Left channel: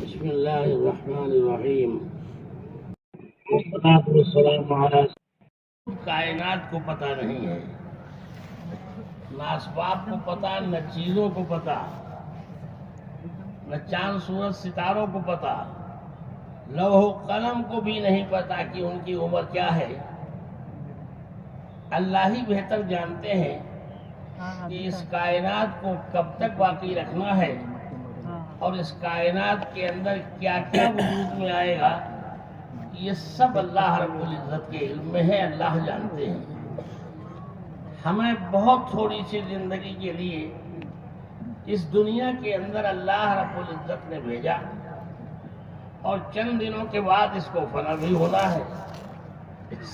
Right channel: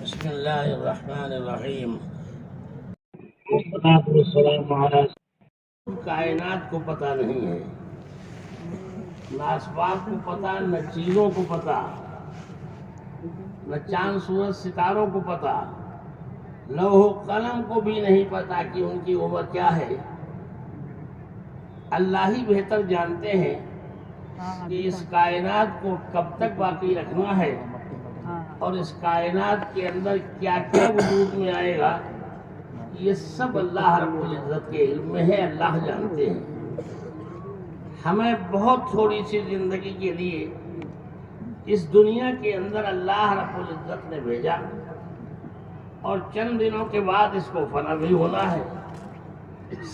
بسم اللہ الرحمن الرحیم۔ والصلاة والسلام علی کائنات کو پتہ نہیں ہے، نہ اسباب کو پتہ، نہ چیزوں کو پتہ، نہ چاند سورج ستاروں کو پتہ، لوح و قلم کو بھی نہیں پتہ کہ ان کی عمر کیا ہے۔ اللہ ہی بہتر جانتے ہیں کہ اس کائنات کو کب تک باقی رکھنا ہے اور اس کائنات کے اندر کیا کیا وجود میں آئے گا، یہ سب اللہ رب العزت کے علم میں ہے، اللہ جانتے ہیں۔ ہمیں بہت تھوڑی سی زندگی کے لیے اس دنیا کے اندر اللہ رب العزت نے بھیجا، اور چند دنوں کے بعد اس کو فنا بھی ہونا ہے،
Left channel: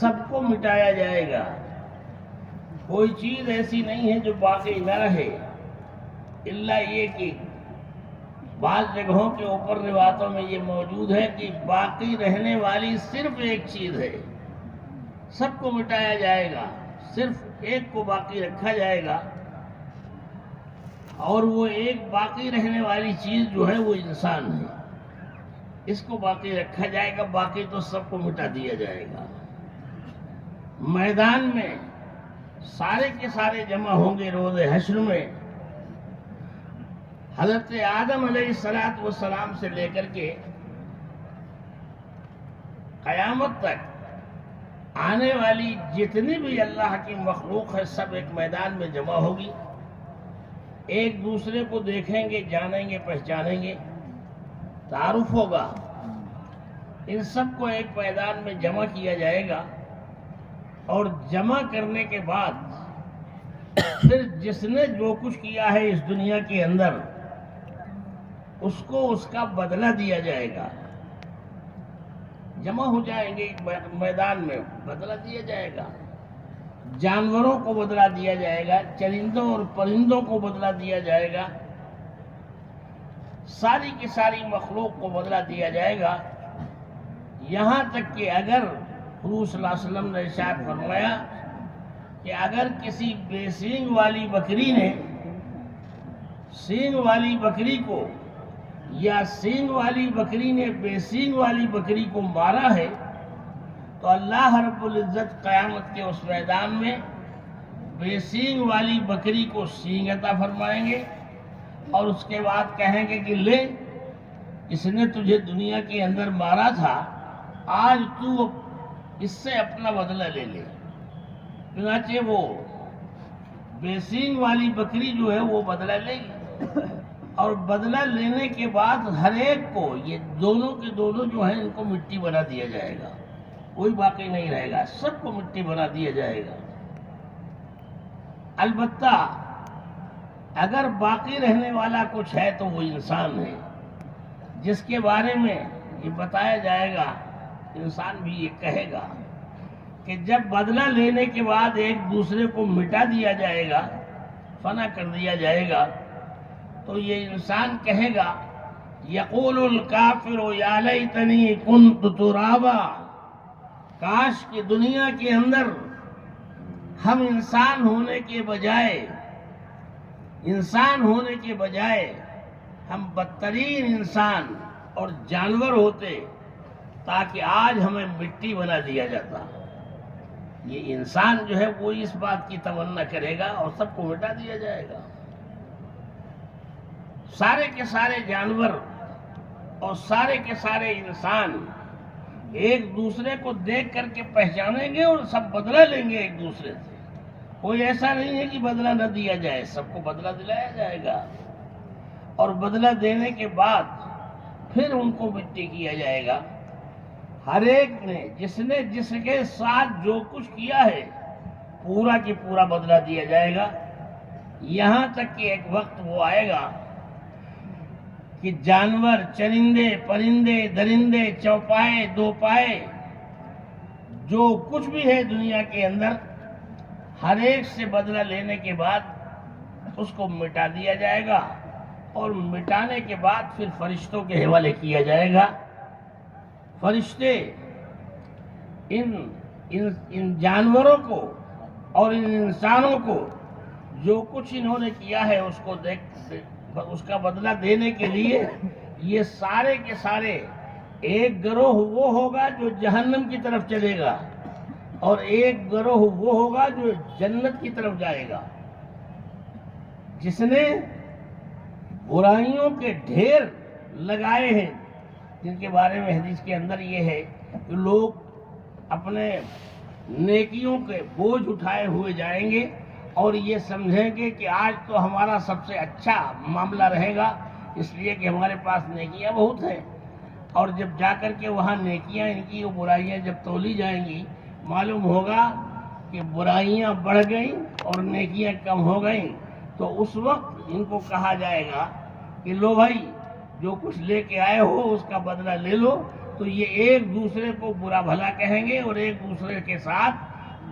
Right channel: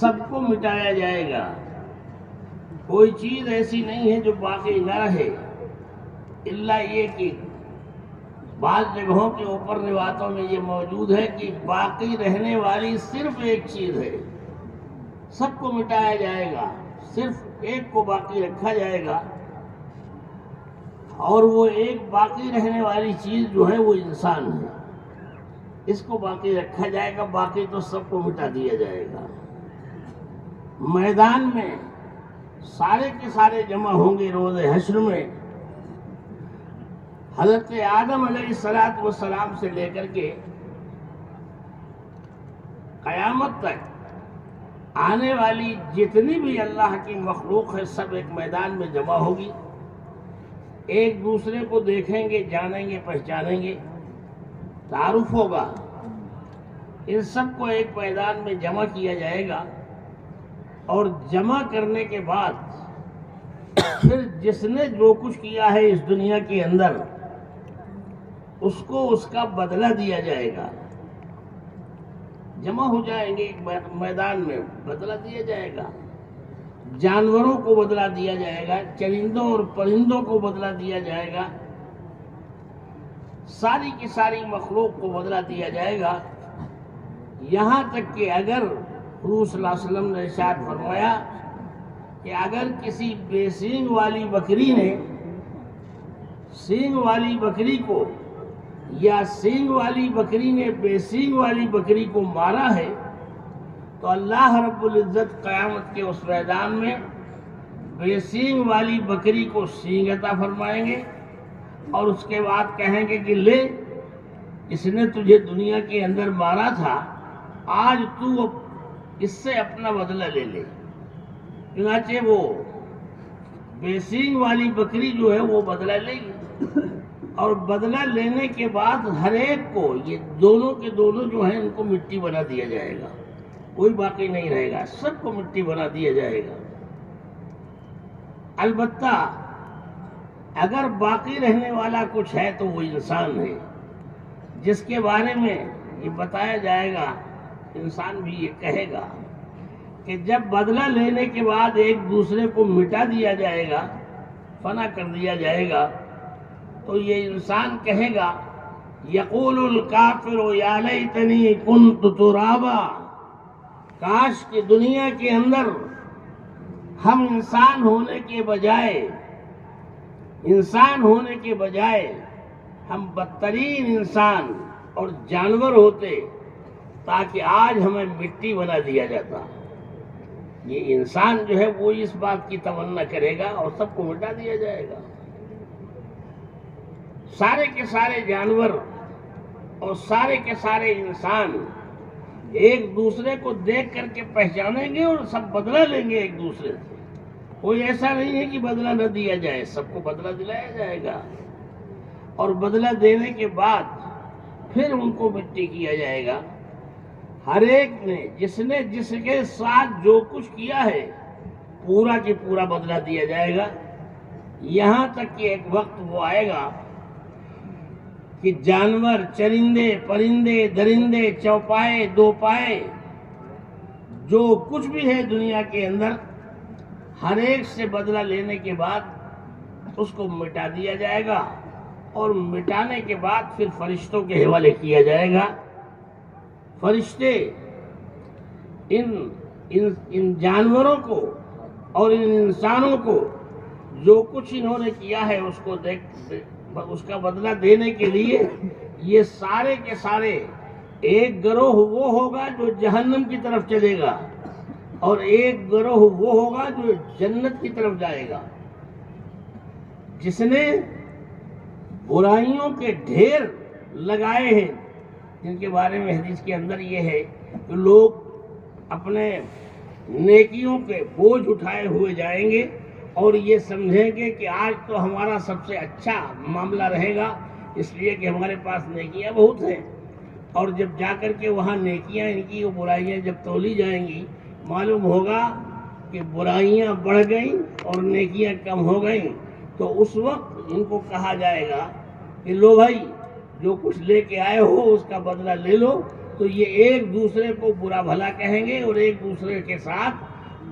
سب کو مٹایا جائے گا۔ کوئی چیز ایسی نہیں ہے جو باقی نہ رہے، الا یہ کہ بعض جگہوں کے اوپر روایتوں میں یہ موجود ہے کہ باقی رہنے والی صرف ایک چیز ہے، سب کو مٹایا جائے گا، صرف ایک کو باقی رکھا جائے گا، اور وہ ایک باقی رہنے والی چیز جو ہے وہ انسان ہے۔ اس کو باقی رکھا جائے گا، باقی تو سب کو مٹا دیا جائے گا۔ میدان میں سارے کے سارے جمع ہوں گے روز حشر میں۔ حضرت آدم علیہ السلام سے لے کر کے قیامت تک آنے والی جتنی بھی اللہ کی مخلوق ہے، سب ایک میدان میں جمع ہوگی، ایک دوسرے کو دیکھیں گے، جانیں گے، پہچانیں گے، تعارف ہوگا۔ ان سب کو ایک میدان میں جمع کیا جائے گا، اور جمع کرنے کے بعد پھر جس نے جو کچھ کیا ہے اس دنیا کے اندر، اس کو اس کا بدلہ دیا جائے گا۔ جمع ہو جائیں گے ایک میدان میں، بدلہ دیا جائے گا۔ جانوروں کو بدلہ دیا جائے گا، چرندوں اور پرندوں کو بدلہ دیا جائے گا، ساری کی ساری مخلوق کو بدلہ دیا جائے گا۔ یہاں تک کہ اگر حضور صلی اللہ علیہ وسلم نے ارشاد فرمایا کہ اگر کسی بے سینگ والی بکری نے سینگ والی بکری کو، یا سینگ والی بکری نے بے سینگ والی بکری کو مارا ہے، تو اللہ رب العزت قیامت کے اس میدان میں بے سینگ والی بکری کو سینگ عطا فرمائیں گے، اور اس کے بعد کہیں گے کہ لے، اس نے تجھے دنیا کے اندر مارا تھا، آج تو اس سے اپنا بدلہ لے لے۔ چنانچہ وہ بے سینگ والی بکری جو ہے وہ بدلہ لے گی، اور بدلہ لینے کے بعد ہر ایک کو، یہ دونوں کے دونوں جو ہیں، ان کو مٹی بنا دیا جائے گا، کوئی باقی نہیں رہے گا، سب کو مٹی بنا دیا جائے گا۔ البتہ اگر باقی رہنے والا کچھ ہے تو وہ انسان ہے، جس کے بارے میں یہ بتایا جائے گا۔ انسان بھی یہ کہے گا کہ جب بدلہ لینے کے بعد ایک دوسرے کو مٹا دیا جائے گا، فنا کر دیا جائے گا، تو یہ انسان کہے گا، یقول الکافر یا لیتنی کنت ترابا، کاش کہ دنیا کے اندر ہم انسان ہونے کے بجائے ہم بدترین انسان اور جانور ہوتے، تاکہ آج ہمیں مٹی بنا دیا جاتا۔ یہ انسان جو ہے وہ اس بات کی تمنا کرے گا، اور سب کو مٹا دیا جائے گا۔ سارے کے سارے جانور اور سارے کے سارے انسان ایک دوسرے کو دیکھ کر کے پہچانیں گے، اور سب بدلہ لیں گے ایک دوسرے سے۔ کوئی ایسا نہیں ہے کہ بدلہ نہ دیا جائے، سب کو بدلہ دلایا جائے گا، اور بدلہ دینے کے بعد پھر ان کو مٹی کیا جائے گا۔ ہر ایک نے جس کے ساتھ جو کچھ کیا ہے، پورا کی پورا بدلہ دیا جائے گا، یہاں تک کہ ایک وقت وہ آئے گا کہ جانور، چرندے، پرندے، درندے، چوپائے، دو پائے، جو کچھ بھی ہے دنیا کے اندر، ہر ایک سے بدلہ لینے کے بعد اس کو مٹا دیا جائے گا، اور مٹانے کے بعد پھر فرشتوں کے حوالے کیا جائے گا۔ فرشتے ان جانوروں کو اور ان انسانوں کو جو کچھ انہوں نے کیا ہے اس کو اس کا بدلہ دینے کے لیے یہ سارے کے سارے ایک گروہ وہ ہوگا جو جہنم کی طرف چلے گا اور ایک گروہ وہ ہوگا جو جنت کی طرف جائے گا. جس نے برائیوں کے ڈھیر لگائے ہیں، جن کے بارے میں حدیث کے اندر یہ ہے کہ لوگ اپنے نیکیوں کے بوجھ اٹھائے ہوئے جائیں گے اور یہ سمجھیں گے کہ آج تو ہمارا سب سے اچھا معاملہ رہے گا، اس لیے کہ ہمارے پاس نیکیاں بہت ہیں. اور جب جا کر کے وہاں نیکیاں ان کی برائیاں جب تولی جائیں گی، معلوم ہوگا کہ برائیاں بڑھ گئیں اور نیکیاں کم ہو گئیں. تو اس وقت ان کو کہا جائے گا کہ لو بھائی، جو کچھ لے کے آئے ہو اس کا بدلہ لے لو. تو یہ ایک دوسرے کو برا بھلا کہیں گے اور ایک دوسرے کے ساتھ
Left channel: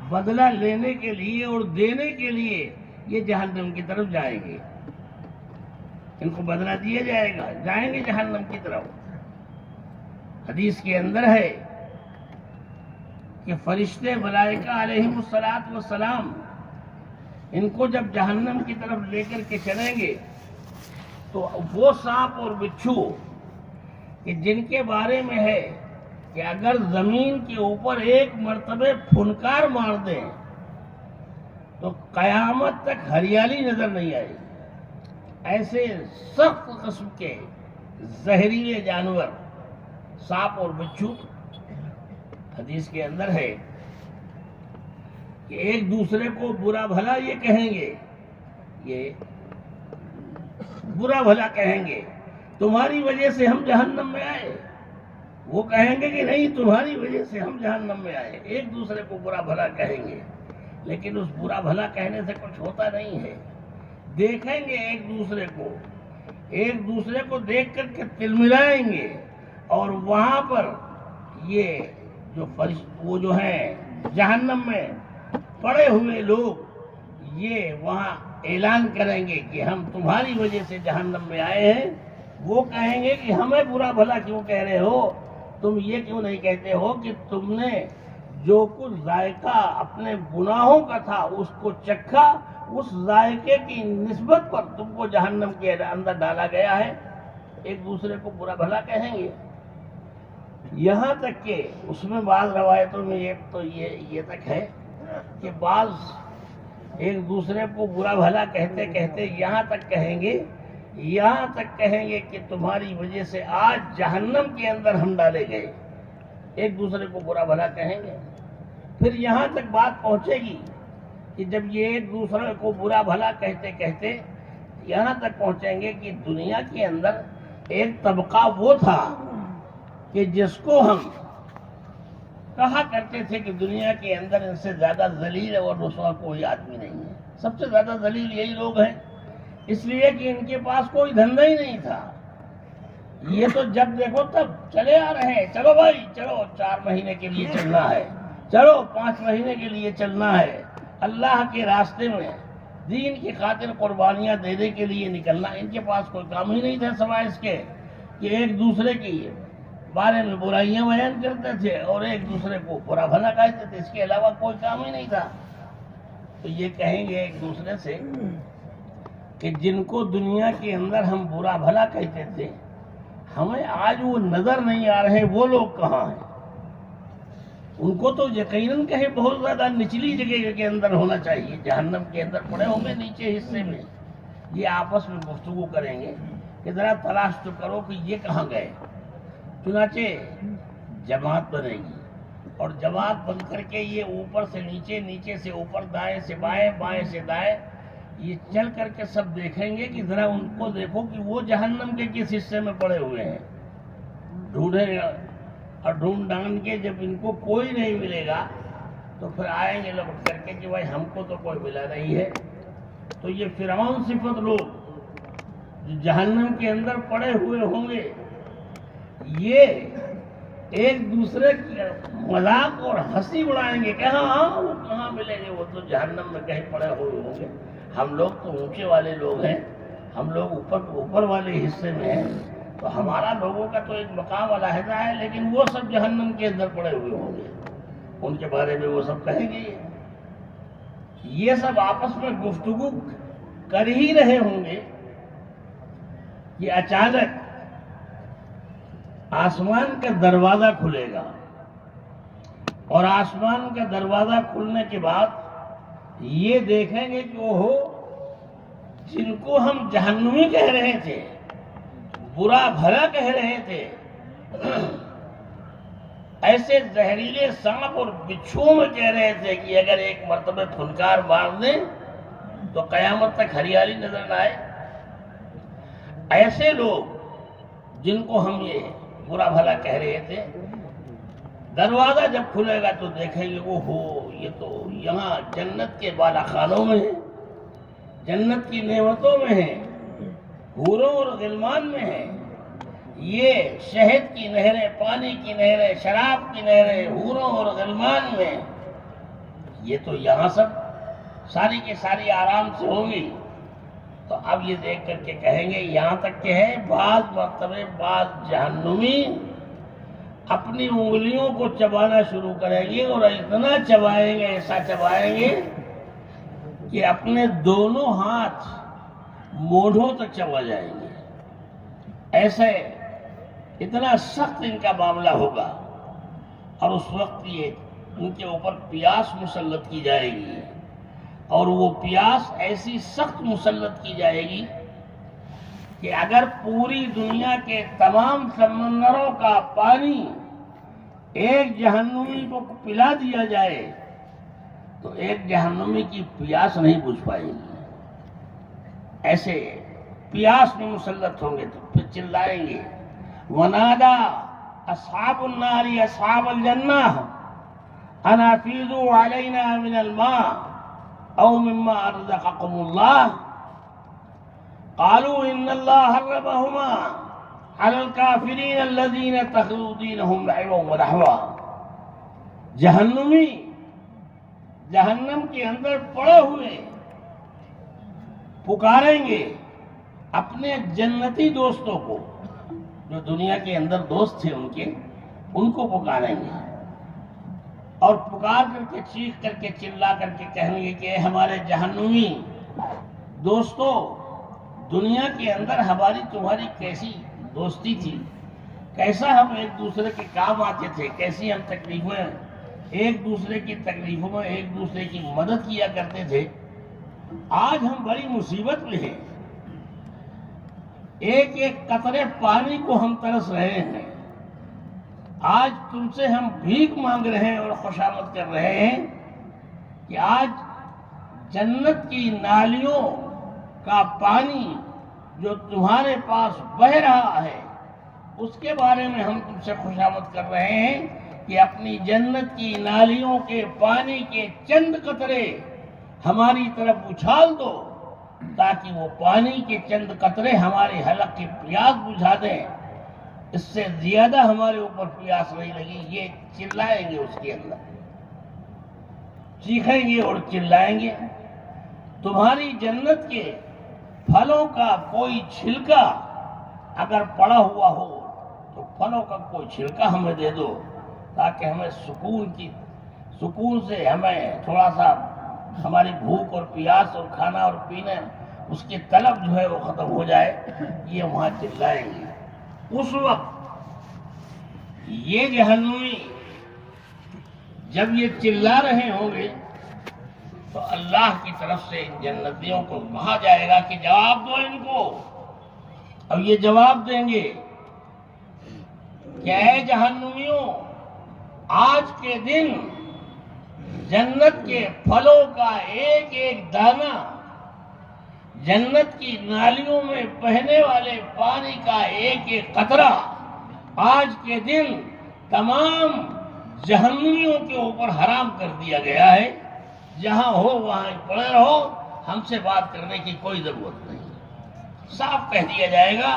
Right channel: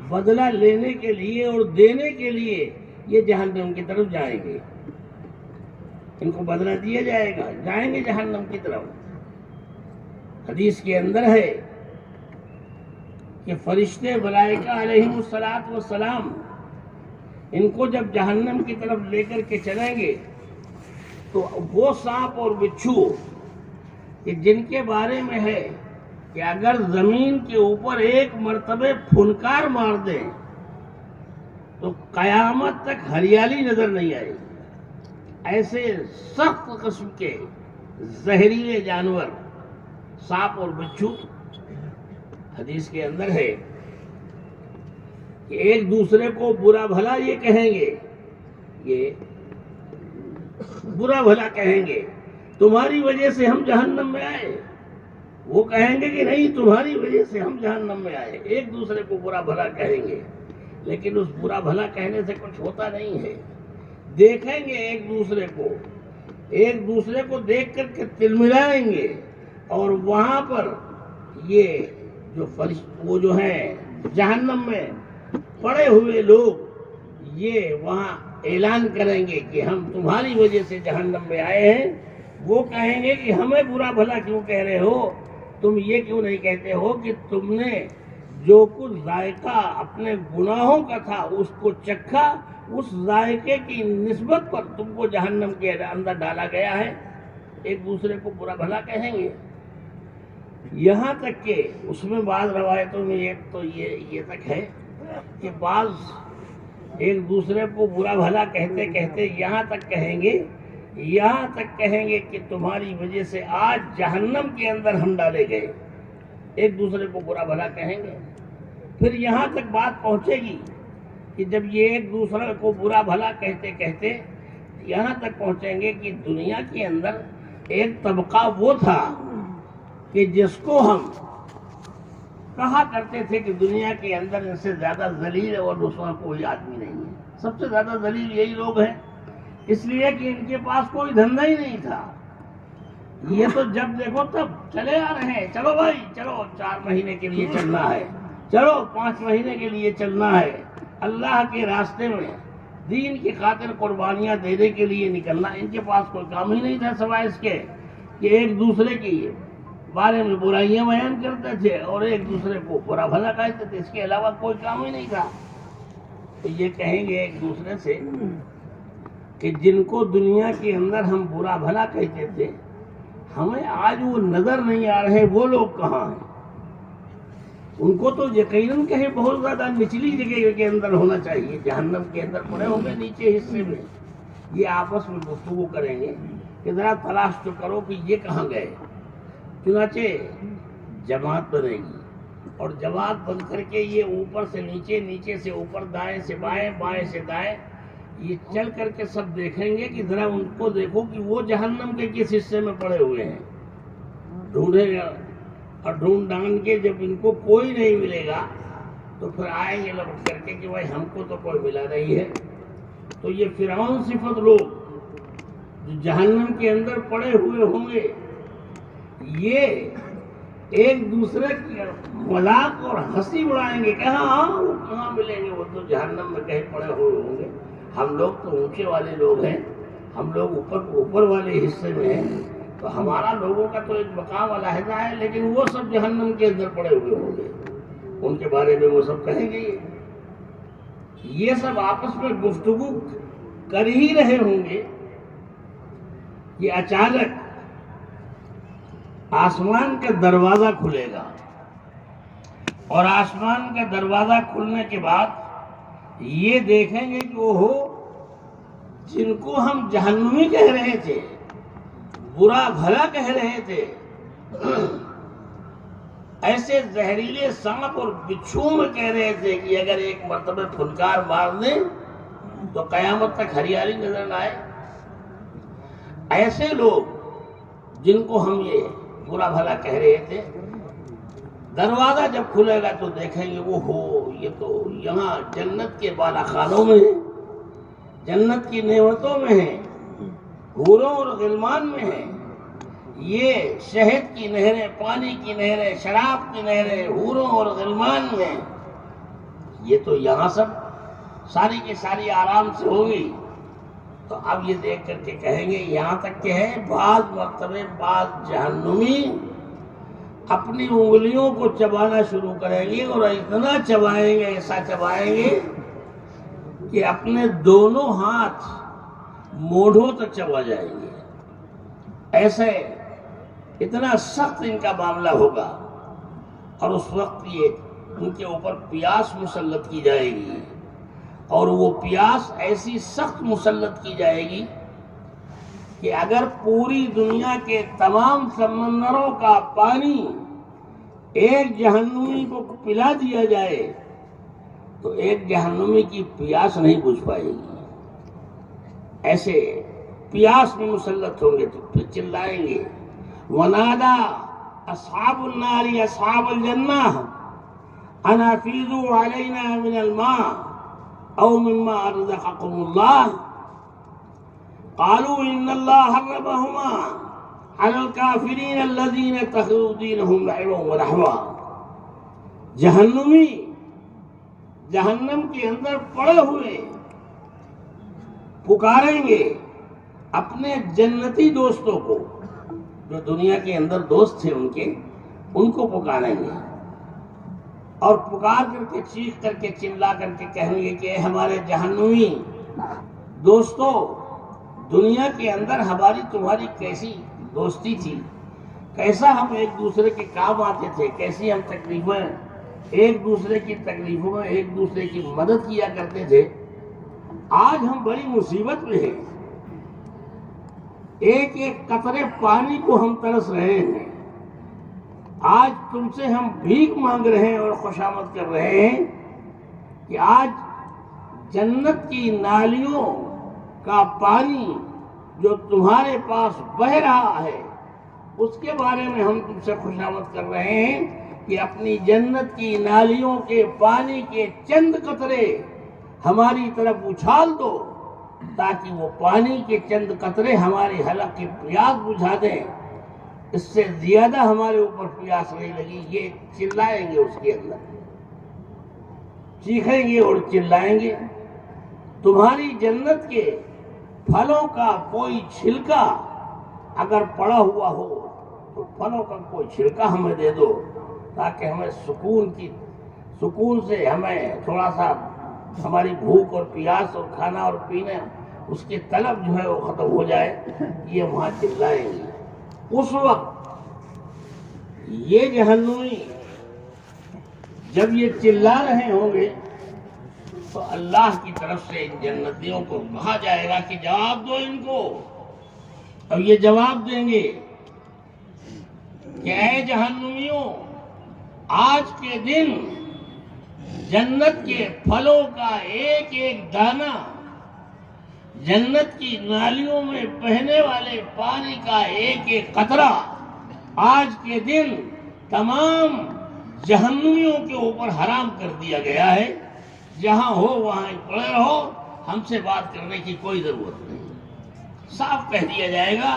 بدلہ لینے کے لیے اور دینے کے لیے یہ جہنم کی طرف جائیں گے. ان کو بدلہ دیا جائے گا، جائیں گے جہنم کی طرف. حدیث کے اندر ہے کہ فرشتے ملائکہ علیہم الصلاۃ والسلام ان کو جب جہنم کی طرف لے کر کے چلیں گے تو وہ سانپ اور بچھو کہ جن کے بارے میں ہے کہ اگر زمین کے اوپر ایک مرتبہ پھنکار مار دیں تو قیامت تک ہریالی نظر نہیں آئے گی. ایسے سخت قسم کے زہریلے جانور سانپ اور بچھو حدیث کے اندر ہے کہ ایک دوسرے کو برا بھلا یہ کہیں گے، یہ برا بھلا کہیں گے، تمہاری وجہ سے ہم جہنم میں آئے. وہ کہیں گے کہ نہیں، تمہاری وجہ سے ہم جہنم میں آئے. ایک دوسرے کو برا بھلا کہیں گے، لیکن اس برا بھلا کہنے سے کچھ ہوتا نہیں ہے. دیکھیں گے ایک دوسرے کو دیکھ کر کے تلملائیں گے اور وہاں پر یہ جو وہ جو ہیں جہنم میں پڑے ہوئے لوگ یہ وہاں اعلان کریں گے کہ ہم تمہاری وجہ سے جہنم میں آئے ہیں. وہ کہیں گے کہ ہمیں برا بھلا کیوں کہہ رہے ہو، تم یہ کیوں نہیں کہتے ہو کہ تم نے جو کچھ ذائقہ اپنے گناہوں کا تھا اس کو چکھا، اس ذائقے کی نسبت پر تم کو جہنم کے اندر ڈالا گیا ہے. ایک دوسرے کو برا بھلا کہیں گے. یہاں تک کہ اس میں بعض روایتوں میں یہ تک ہے کہ بعض ایک دوسرے کو برا بھلا کہتے کہتے یہاں تک کہیں گے کہ تمہاری وجہ سے آج جہنم کے اندر ہم ڈالے گئے. ایک دوسرے کو برا بھلا کہیں گے. پھر یہاں تک بات پہنچے گی کہ جب یہ ایک دوسرے کو برا بھلا کہتے کہتے یہاں تک پہنچیں گے کہ دنیا کے اندر ایک طبقہ وہ تھا کہ جس کو ہم کہا کرتے تھے کہ دنیا کے اندر ان سے زیادہ ذلیل اور رسوا کوئی آدمی نہیں ہے. سب سے زیادہ ذلیل یہی لوگ ہیں، اس لیے کہ ان کے پاس کوئی دھندا ہی نہیں تھا. یہ تو جب دیکھو تب چلے آ رہے ہیں، چلو بھائی چلو 4 مہینے کے لیے چلنا ہے، چلو 5 مہینے کے لیے چلنا ہے، اللہ کے راستے میں دین کی خاطر قربانیاں دینے کے لیے نکلنا. ان کے پاس کوئی کام ہی نہیں تھا سوائے اس کے کہ ایک دوسرے کی بارے میں برائیاں بیان کرتے تھے اور ایک دوسرے کو برا بھلا کہتے تھے. اس کے علاوہ کوئی کام ہی نہیں تھا. تو یہ کہیں گے ایک دوسرے سے کہ جن کو دنیا کے اندر ہم برا بھلا کہتے تھے، ہمیں آج وہ نظر نہیں آ رہے، وہ لوگ کہاں ہیں؟ ان کو تو یقیناً کہیں بہت زیادہ نچلی جگہ کے اندر ہونا چاہیے، جہنم کے اندر پڑے ہوں گے نیچے حصے میں. یہ آپس میں گفتگو کریں گے کہ ذرا تلاش تو کرو کہ یہ کہاں گئے. چنانچہ جماعت بنے گی اور جماعت بن کر کے یہ اوپر سے نیچے، نیچے سے اوپر، دائیں سے بائیں، بائیں سے دائیں، یہ چل کر کے سب دیکھیں گے کہ ذرا ان کو دیکھو کہ وہ جہنم کے کس حصے میں پڑے ہوئے ہیں. ڈھونڈیں گا اور ڈھونڈ ڈھانڈ کے جب ان کو کوئی نہیں ملے گا تو پھر آئیں گے لپٹ کر کے کہ بھائی ہم کو تو کوئی ملا نہیں ہے. تو یہ فرعون صفت لوگ جو جہنم کے اندر پڑے ہوئے ہوں گے، یہ ایک دوسرے کی مذاق اور ہنسی اڑائیں گے کہ ہاں وہ کہاں ملیں گے، وہ تو جہنم میں کہیں پڑے ہوئے ہوں گے. ہم لوگ تو اونچے والے لوگ ہیں، ہم لوگ اوپر والے حصے میں ہیں، تو ہمارا لوگوں کا تو ایک مقام علیحدہ ہے، لیکن وہ سب جہنم کے اندر پڑے ہوئے ہوں گے. ان کے بارے میں وہ سب کہیں گے. یہ سب آپس میں گفتگو کر ہی رہے ہوں گے کہ اچانک آسمان کا دروازہ کھلے گا، اور آسمان کا دروازہ کھلنے کے بعد یہ دیکھیں گے کہ وہ جن کو ہم جہنمی کہہ رہے تھے، برا بھلا کہہ رہے تھے، ایسے زہریلے سانپ اور بچھوؤں میں کہہ رہے تھے کہ اگر ایک مرتبہ پھنکار مار دیں تو قیامت تک ہریالی نظر نہ آئے، ایسے لوگ جن کو ہم یہ برا بھلا کہہ رہے تھے، دروازہ جب کھلے گا تو دیکھیں گے وہ یہ تو یہاں جنت کے بالا خانوں میں ہے، جنت کی نعمتوں میں ہے، حوروں اور غلمان میں ہے، یہ شہد کی نہریں، پانی کی نہریں، شراب کی نہریں حوروں اور غلمان میں، یہ تو یہاں سب ساری کے ساری آرام سے ہوں گی۔ تو اب یہ دیکھ کر کے کہیں گے، یہاں تک کہ ہے بعض مرتبہ بعض جہنمی اپنی انگلیوں کو چبانا شروع کریں گے، اور اتنا چبائیں گے، ایسا چبائیں گے کہ اپنے دونوں ہاتھ موڑھوں تک چبا جائیں گے، ایسے اتنا سخت ان کا معاملہ ہوگا۔ اور اس وقت یہ ان کے اوپر پیاس مسلط کی جائے گی، اور وہ پیاس ایسی سخت مسلط کی جائے گی کہ اگر پوری دنیا کے تمام سمندروں کا پانی ایک جہنمی کو پلا دیا جائے تو ایک جہنمی کی پیاس نہیں بجھ پائے گی، ایسے پیاس میں مسلط ہوں گے۔ تو پھر چلائیں گے، وَنَادَى أَصْحَابُ النَّارِ أَصْحَابَ الْجَنَّةِ أَنْ أَفِيضُوا عَلَيْنَا مِنَ الْمَاءِ أَوْ مِمَّا رَزَقَكُمُ اللَّهُ قَالُوا إِنَّ اللَّهَ حَرَّمَهُمَا عَلَى الْكَافِرِينَ الَّذِينَ اتَّخَذُوا دِينَهُمْ لَعِبًا وَلَهْوًا۔ جہنمی جہنم کے اندر پڑے ہوئے پکاریں گے اپنے جنتی دوستوں کو، جو دنیا کے اندر دوست تھے ان کو پکاریں گے، اور پکار کر کے چیخ کر کے چلا کر کے کہیں گے کہ اے ہمارے جہنمی دوستو، دنیا کے اندر ہماری تمہاری کیسی دوستی تھی، کیسا ہم ایک دوسرے کے کام آتے تھے، کیسی ہم تکلیفیں ایک دوسرے کی تکلیفوں میں ایک دوسرے کی مدد کیا کرتے تھے، آج ہم بڑی مصیبت میں ہیں، ایک ایک قطرے پانی کو ہم ترس رہے ہیں، آج تم سے ہم بھیک مانگ رہے ہیں اور خوشامد کر رہے ہیں کہ آج جنت کی نالیوں کا پانی جو تمہارے پاس بہہ رہا ہے اس کے بارے میں ہم تم سے خوشامد کر رہے ہیں کہ اپنی جنت کی نالیوں کے پانی کے چند قطرے ہماری طرف اچھال دو، تاکہ وہ پانی کے چند قطرے ہمارے حلق کی پیاس بجھا دیں، اس سے زیادہ ہمارے اوپر پیاس نہیں لگی۔ یہ چلائیں گے، اس کے اندر چیخیں گے اور چلائیں گے، تمہاری جنت کے پھلوں کا کوئی چھلکا اگر پڑا ہوا ہو تو پھلوں کا کوئی چھلکا ہمیں دے دو، تاکہ ہمیں سکون سے ہمیں تھوڑا سا ہماری بھوک اور پیاس اور کھانا اور پینا اس کی طلب جو ہے وہ ختم ہو جائے۔ یہ وہاں چلائیں گے۔ اس وقت یہ جہنمی جب یہ چلا رہے ہوں گے تو اللہ کی طرف سے ان جنتیوں کو کہا جائے گا کہ جواب دو ان کو، اور یہ جواب دیں گے کہ اے جہنمیوں، آج کے دن جنت کے پھلوں کا ایک ایک دانہ، جنت کی نالیوں میں بہنے والے پانی کا ایک ایک قطرہ آج کے دن تمام جہنمیوں کے اوپر حرام کر دیا گیا ہے۔ جہاں ہو وہاں پڑے رہو، ہم سے بات کرنے کی کوئی ضرورت نہیں، صاف کہہ دیا جائے گا،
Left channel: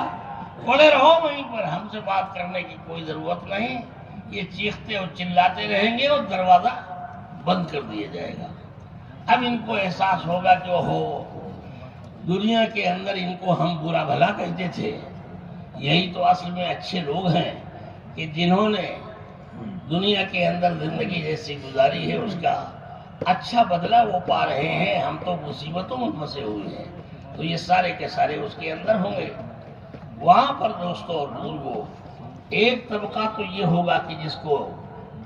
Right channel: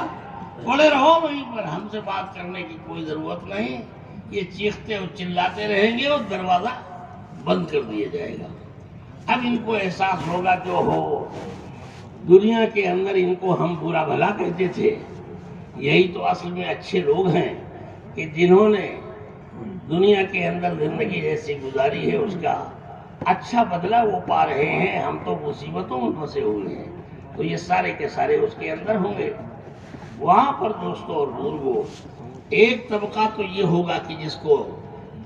پڑے رہو وہیں پر، ہم سے بات کرنے کی کوئی ضرورت نہیں۔ یہ چیختے اور چلاتے رہیں گے اور دروازہ بند کر دیا جائے گا۔ اب ان کو احساس ہوگا کہ دنیا کے اندر ان کو ہم برا بھلا کہتے تھے، یہی تو اصل میں اچھے لوگ ہیں کہ جنہوں نے دنیا کے اندر زندگی جیسی گزاری ہے اس کا اچھا بدلہ وہ پا رہے ہیں، ہم تو مصیبتوں میں پھنسے ہوئے ہیں۔ تو یہ سارے کے سارے اس کے اندر ہوں گے۔ وہاں پر دوستوں اور بزرگوں ایک طبقہ تو یہ ہوگا کہ جس کو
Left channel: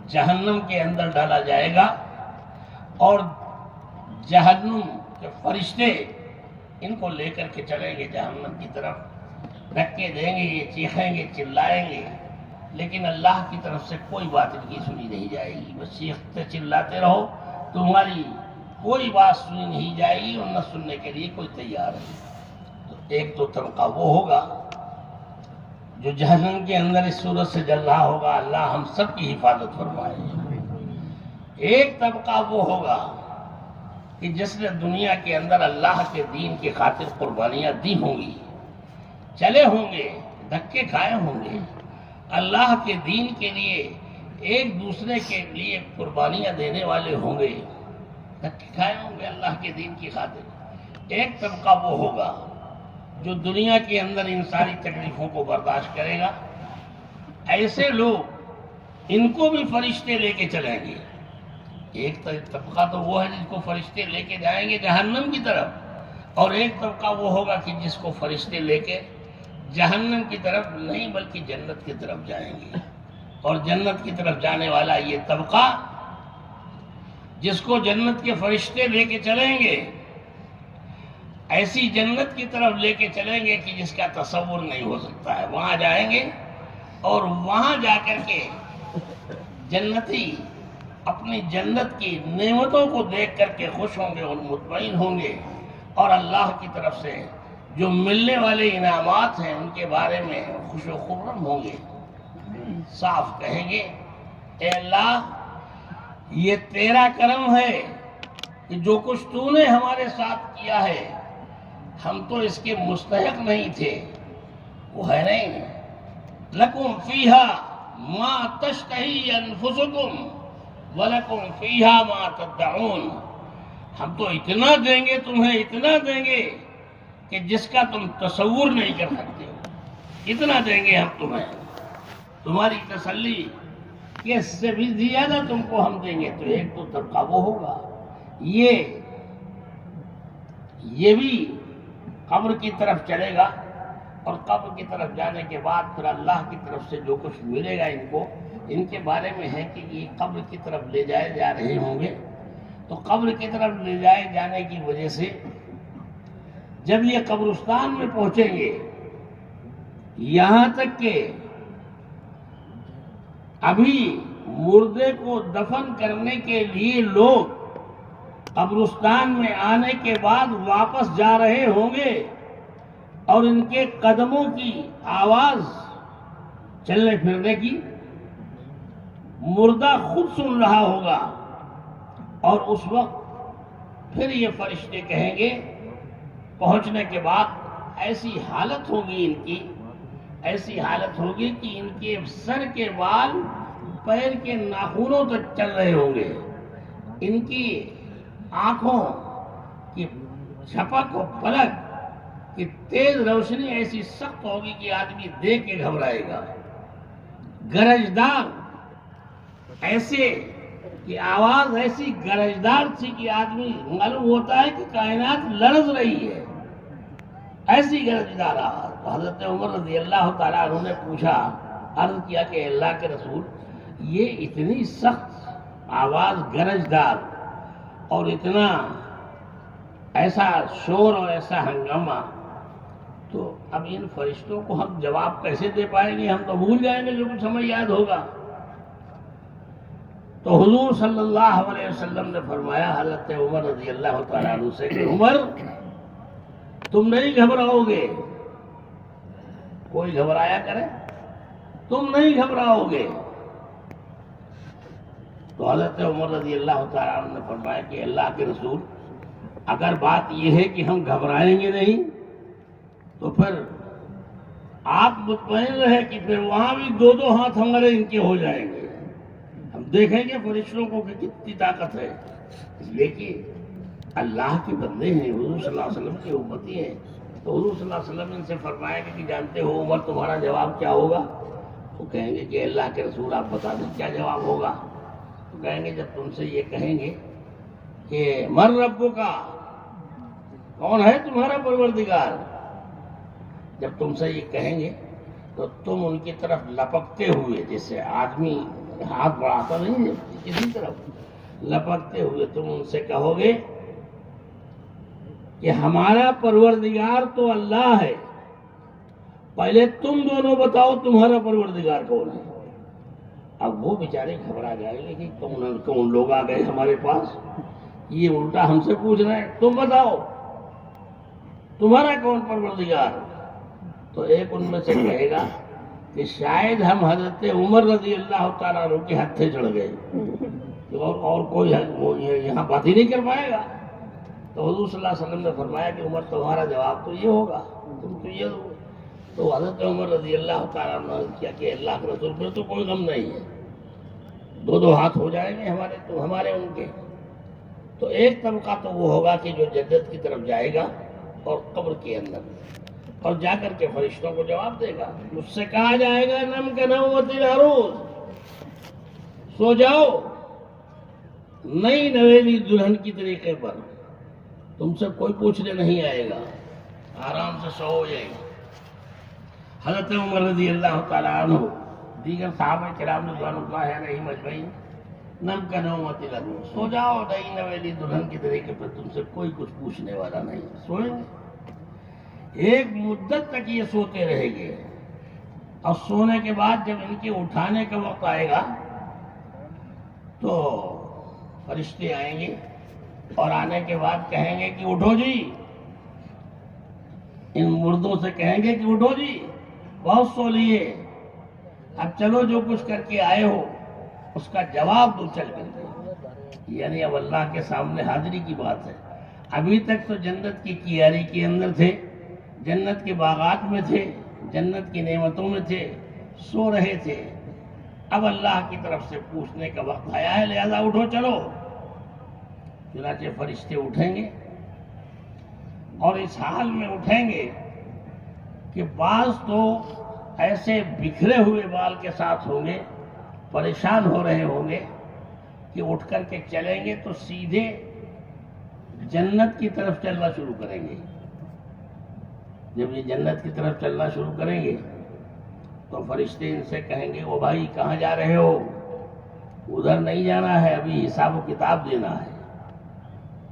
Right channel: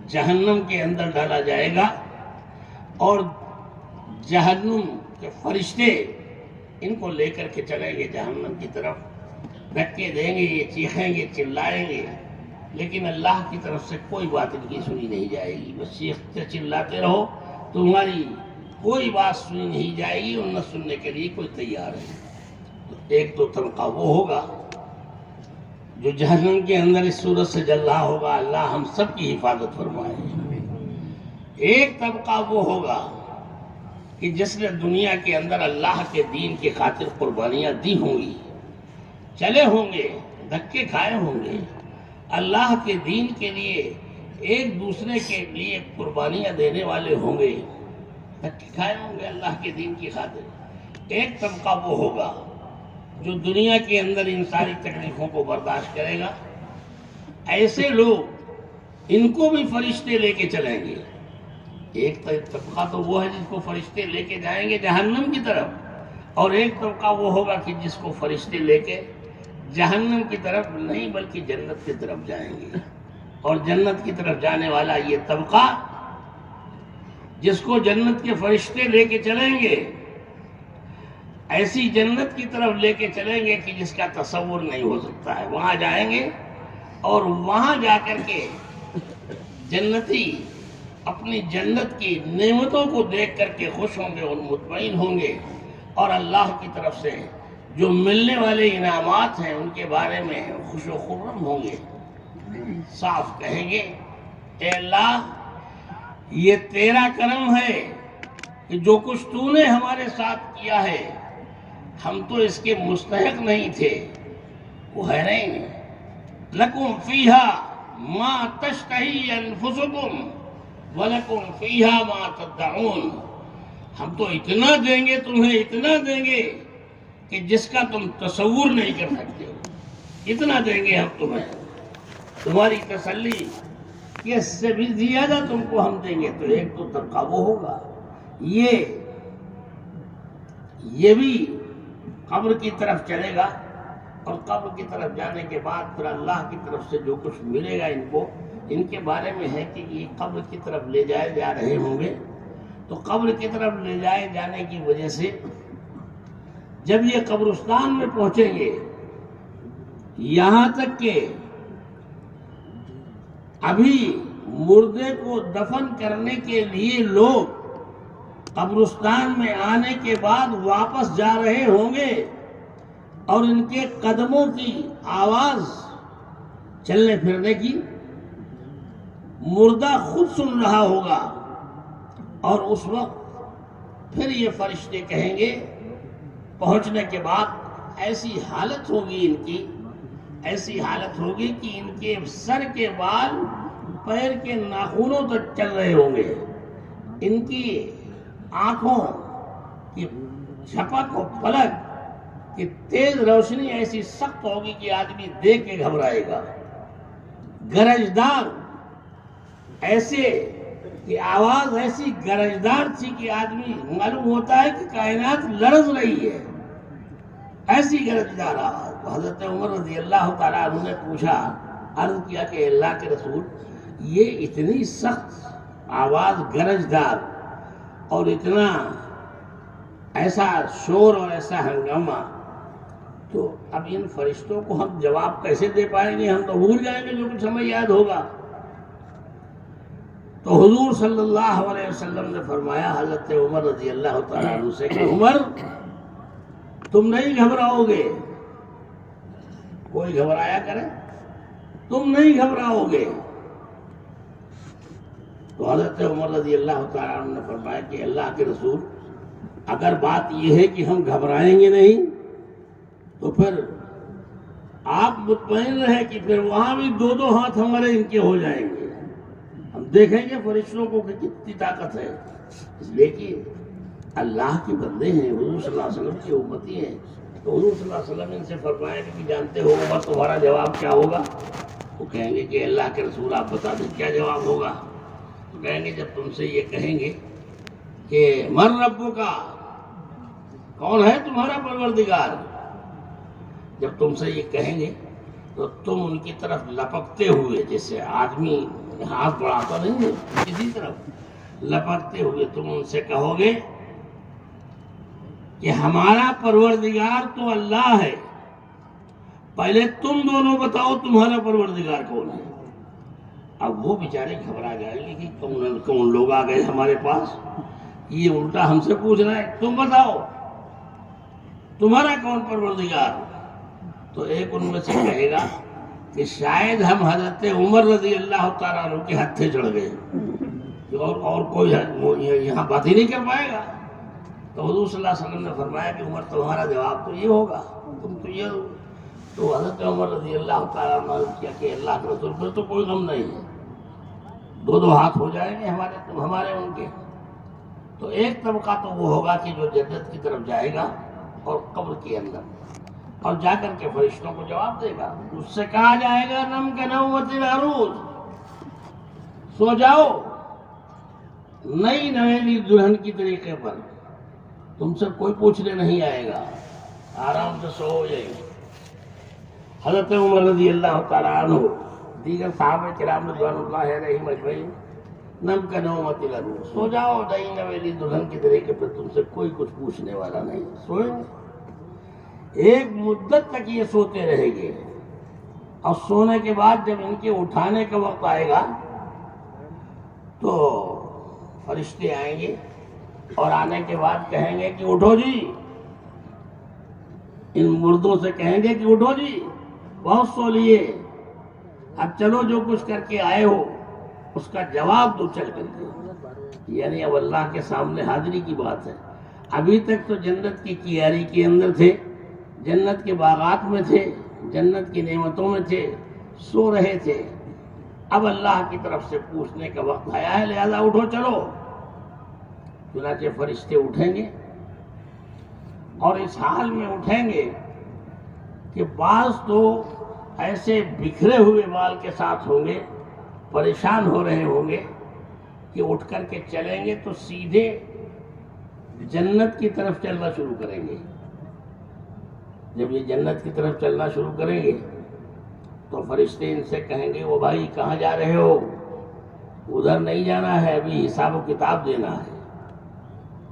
جہنم کے اندر ڈالا جائے گا، اور جہنم کے فرشتے ان کو لے کر کے چلیں گے جہنم کی طرف، دھکے دیں گے، یہ چیخیں گے، چلائیں گے، لیکن اللہ کی طرف سے کوئی بات ان کی سنی نہیں جائے گی۔ بس چیختے چلاتے رہو، تمہاری کوئی بات سنی نہیں جائے گی، اور نہ سننے کے لیے کوئی تیار ہے۔ تو ایک تو طبقہ وہ ہوگا جو جہنم کے اندر اس صورت سے جل رہا ہوگا، اللہ ہم سب کی حفاظت فرمائے۔ ایک طبقہ وہ ہوگا کہ جس نے دنیا کے اندر اللہ کے دین کی خاطر قربانیاں دی ہوں گی، چلے ہوں گے، دھکے کھائے ہوں گے، اللہ کے دین کے لیے ایک دوسرے کے لیے قربانیاں دینے والے ہوں گے، دھکے کھائے ہوں گے اللہ کے دین کی خاطر۔ ایک طبقہ وہ ہوگا جو دنیا کے اندر ان ساری تکلیفوں کو برداشت کرے گا۔ ایسے لوگ، ان کو بھی فرشتے لے کے چلیں گے۔ ایک طبقہ تو وہ ہے جس کو فرشتے لے کے جائیں گے جہنم کی طرف، اور ایک طبقہ وہ ہوگا کہ جس کو فرشتے لے کے جہنم کی طرف نہیں بلکہ جنت کی طرف جائیں گے۔ اور جنت کی طرف جانے والا یہ طبقہ جس کو جنت کے فرشتے لے کے چلیں گے، ایسی جنت کی طرف لے کے چلیں گے کہ جس کا تصور نہیں ہو سکتا ہے۔ وہاں جائیں گے اور وہاں جا کر کے جنتی اپنی جنت کی نعمتوں کو دیکھ کر کے خوش ہوں گے اور مطمئن ہوں گے، اور اللہ کی طرف سے جو ملنے والے انعامات ہیں ان کے بارے میں خوش و خرم ہوں گے۔ صاف کہیں گے، اے اللہ، یہ تیرا کرم ہے کہ جو کچھ تو نے ہمارے ساتھ کیا ہے، ہم تو اس کے مستحق نہیں تھے۔ وہ ہے نہیں، لکم فیہا ما تشتہی انفسکم وَلَكُمْ فِيهَا مَا تَدَّعُونَ۔ ہم تو اتنا دیں گے تمہیں، اتنا دیں گے کہ جس کا تم تصور نہیں کر سکتے ہو، اتنا دیں گے ہم تمہیں، تمہاری تسلی کہ اس سے بھی زیادہ تم کو ہم دیں گے۔ تو ایک تو طبقہ وہ ہوگا، یہ بھی قبر کی طرف چلے گا، اور قبر کی طرف جانے کے بعد پھر اللہ کی طرف سے جو کچھ ملے گا ان کو، ان کے بارے میں ہے کہ یہ قبر کی طرف لے جائے جا رہے ہوں گے۔ تو قبر کی طرف لے جائے جانے کی وجہ سے جب یہ قبرستان میں پہنچیں گے، یہاں تک کہ ابھی مردے کو دفن کرنے کے لیے لوگ قبرستان میں آنے کے بعد واپس جا رہے ہوں گے، اور ان کے قدموں کی آواز چلنے پھرنے کی مردہ خود سن رہا ہوگا، اور اس وقت پھر یہ فرشتے کہیں گے، پہنچنے کے بعد ایسی حالت ہوگی ان کی، ایسی حالت ہوگی کہ ان کے سر کے بال پیر کے ناخنوں تک چل رہے ہوں گے، ان کی آنکھوں کی جھپک و پلک کی تیز روشنی ایسی سخت ہوگی کہ آدمی دیکھ کے گھبرائے گا، گرجدار ایسے کہ آواز ایسی گرجدار تھی کہ آدمی معلوم ہوتا ہے کہ کائنات لرز رہی ہے، ایسی گرجدار آواز۔ تو حضرت عمر رضی اللہ تعالیٰ عنہ نے پوچھا، عرض کیا کہ اللہ کے رسول، یہ اتنی سخت آواز گرجدار اور اتنا ایسا شور اور ایسا ہنگامہ، تو اب ان فرشتوں کو ہم جواب کیسے دے پائیں گے؟ ہم تو بھول جائیں گے جو کچھ ہمیں یاد ہوگا۔ تو حضور صلی اللہ علیہ وسلم نے فرمایا حضرت عمر رضی اللہ تعالیٰ عنہ سے کہ عمر، تم نہیں گھبراؤ گے، کوئی گھبرایا کرے، تم نہیں گھبراؤ گے۔ تو حضرت عمر رضی اللہ تعالیٰ عنہ نے فرمایا کہ اللہ کے رسول، اگر بات یہ ہے کہ ہم گھبرائیں گے نہیں، تو پھر آپ مطمئن رہے کہ پھر وہاں بھی دو دو ہاتھ ہمارے ان کے ہو جائیں گے، ہم دیکھیں گے فرشتوں کو کہ کتنی طاقت ہے۔ اس لیے کہ اللہ کے بندے ہیں، حضور صلی اللہ علیہ وسلم کی امتی ہیں، تو حضور صلی اللہ علیہ وسلم ان سے فرمایا کہ جانتے ہو عمر تمہارا جواب کیا ہوگا؟ وہ کہیں گے کہ اللہ کے رسول آپ بتا دیں کیا جواب ہوگا؟ تو کہیں گے جب تم سے یہ کہیں گے کہ من ربک کا، کون ہے تمہارا پروردگار، جب تم سے یہ کہیں گے تو تم ان کی طرف لپکتے ہوئے، جیسے آدمی ہاتھ بڑھاتا نہیں ہے کسی طرف، لپکتے ہوئے تم ان سے کہو گے کہ ہمارا پروردگار تو اللہ ہے، پہلے تم دونوں بتاؤ تمہارا پروردگار کون ہے۔ اب وہ بیچارے گھبرا جائیں گے کہ کون لوگ آ گئے ہمارے پاس، یہ الٹا ہم سے پوچھ رہا ہے، تم بتاؤ تمہارا کون پروردگار۔ تو ایک ان میں سے کہے گا کہ شاید ہم حضرت عمر رضی اللہ تعالیٰ عنہ کے ہتھے چڑھ گئے، اور کوئی یہاں بات ہی نہیں کر پائے گا۔ تو حضور صلی اللہ علیہ وسلم نے فرمایا کہ عمر تمہارا جواب تو یہ ہوگا، تم تو یہ ہو۔ تو حضرت عمر رضی اللہ تعالیٰ عنہ نے کیا کہ اللہ کے رسول پھر تو کوئی غم نہیں ہے، دو ہاتھ ہو جائیں گے ہمارے ان کے۔ تو ایک طبقہ تو وہ ہوگا کہ جو جنت کی طرف جائے گا اور قبر کے اندر، اور جا کر کے فرشتوں کو جواب دے گا، اس سے کہا جائے گا نم کا نومت العروس، سو جاؤ نئی نویلی دلہن کی طریقے پر، تم سے کوئی پوچھنے نہیں آئے گا، آرام سے سو جائے۔ حضرت عمر رضی اللہ تعالیٰ عنہ، دیگر صحابہ کرام رضوان اللہ علیہم اجمعین، نم کا نومت العروس، سو جاؤ نئی نویلی دلہن کی طریقے پر، تم سے کوئی کچھ پوچھنے والا نہیں، سوئیں گے۔ ایک مدت تک یہ سوتے رہیں گے، اور سونے کے بعد جب ان کے اٹھانے کا وقت آئے گا تو فرشتے آئیں گے، اور آنے کے بعد کہیں گے کہ اٹھو جی، ان مردوں سے کہیں گے کہ اٹھو جی، بہت سو لیے، اب چلو جو کچھ کر کے آئے ہو اس کا جواب دو چل کر کے۔ یعنی اب اللہ کے سامنے حاضری کی بات ہے۔ ابھی تک تو جنت کی کیاری کے اندر تھے، جنت کے باغات میں تھے، جنت کی نعمتوں میں تھے، سو رہے تھے۔ اب اللہ کی طرف سے پوچھنے کا وقت آیا ہے، لہذا اٹھو چلو۔ چنانچہ فرشتے اٹھیں گے، اور اس حال میں اٹھیں گے کہ بعض تو ایسے بکھرے ہوئے بال کے ساتھ ہوں گے، پریشان ہو رہے ہوں گے کہ اٹھ کر کے چلیں گے تو سیدھے جنت کی طرف چلنا شروع کریں گے۔ جب یہ جنت کی طرف چلنا شروع کریں گے تو فرشتے ان سے کہیں گے، وہ بھائی کہاں جا رہے ہو؟ ادھر نہیں جانا ہے، ابھی حساب و کتاب دینا ہے،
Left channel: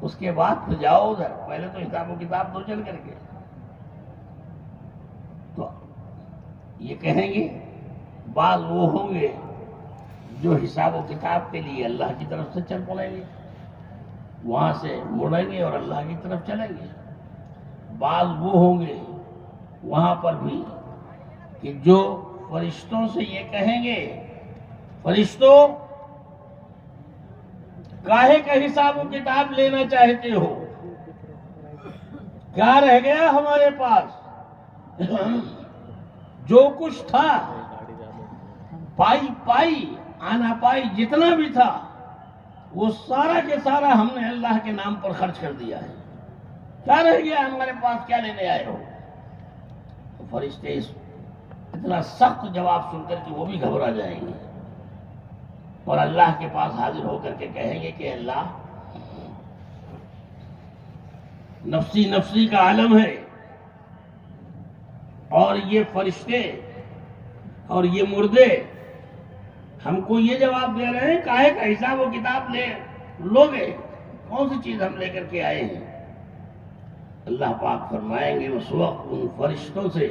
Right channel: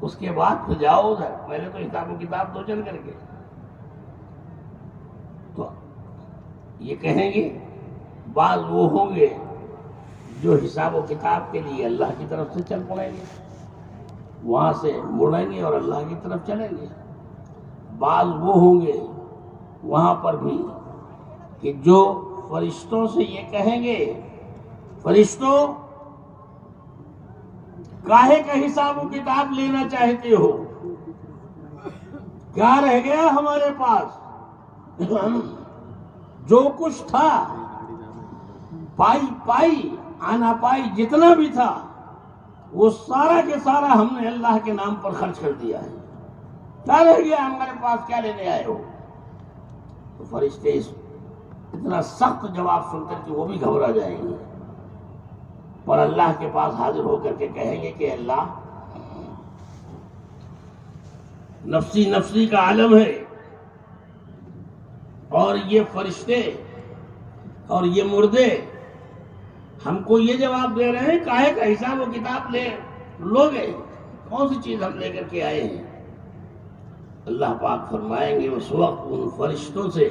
اس کے بعد تو جاؤ ادھر، پہلے تو حساب و کتاب دو چل کر کے۔ تو یہ کہیں گے، بعض وہ ہوں گے جو حساب و کتاب کے لیے اللہ کی طرف سے چل پڑیں گے، وہاں سے مڑیں گے اور اللہ کی طرف چلیں گے۔ بعض وہ ہوں گے وہاں پر بھی کہ جو فرشتوں سے یہ کہیں گے، فرشتوں کاہے کا حساب و کتاب لینا چاہتے ہو؟ کیا رہ گیا ہمارے پاس؟ جو کچھ تھا پائی آنا پائی جتنا بھی تھا وہ سارا کے سارا ہم نے اللہ کے نام پر خرچ کر دیا ہے، کیا رہ گیا ہمارے پاس؟ کیا لینے آئے ہو؟ تو فرشتے اتنا سخت جواب سن کر کہ وہ بھی گھبرا جائیں گے، اور اللہ کے پاس حاضر ہو کر کے کہیں گے کہ اللہ، نفسی نفسی کا عالم ہے، اور یہ فرشتے اور یہ مردے ہم کو یہ جواب دے رہے ہیں، کاہے کا حساب و کتاب لوگے؟ کون سی چیز ہم لے کر کے آئے ہیں؟ اللہ پاک فرمائیں گے اس وقت ان فرشتوں سے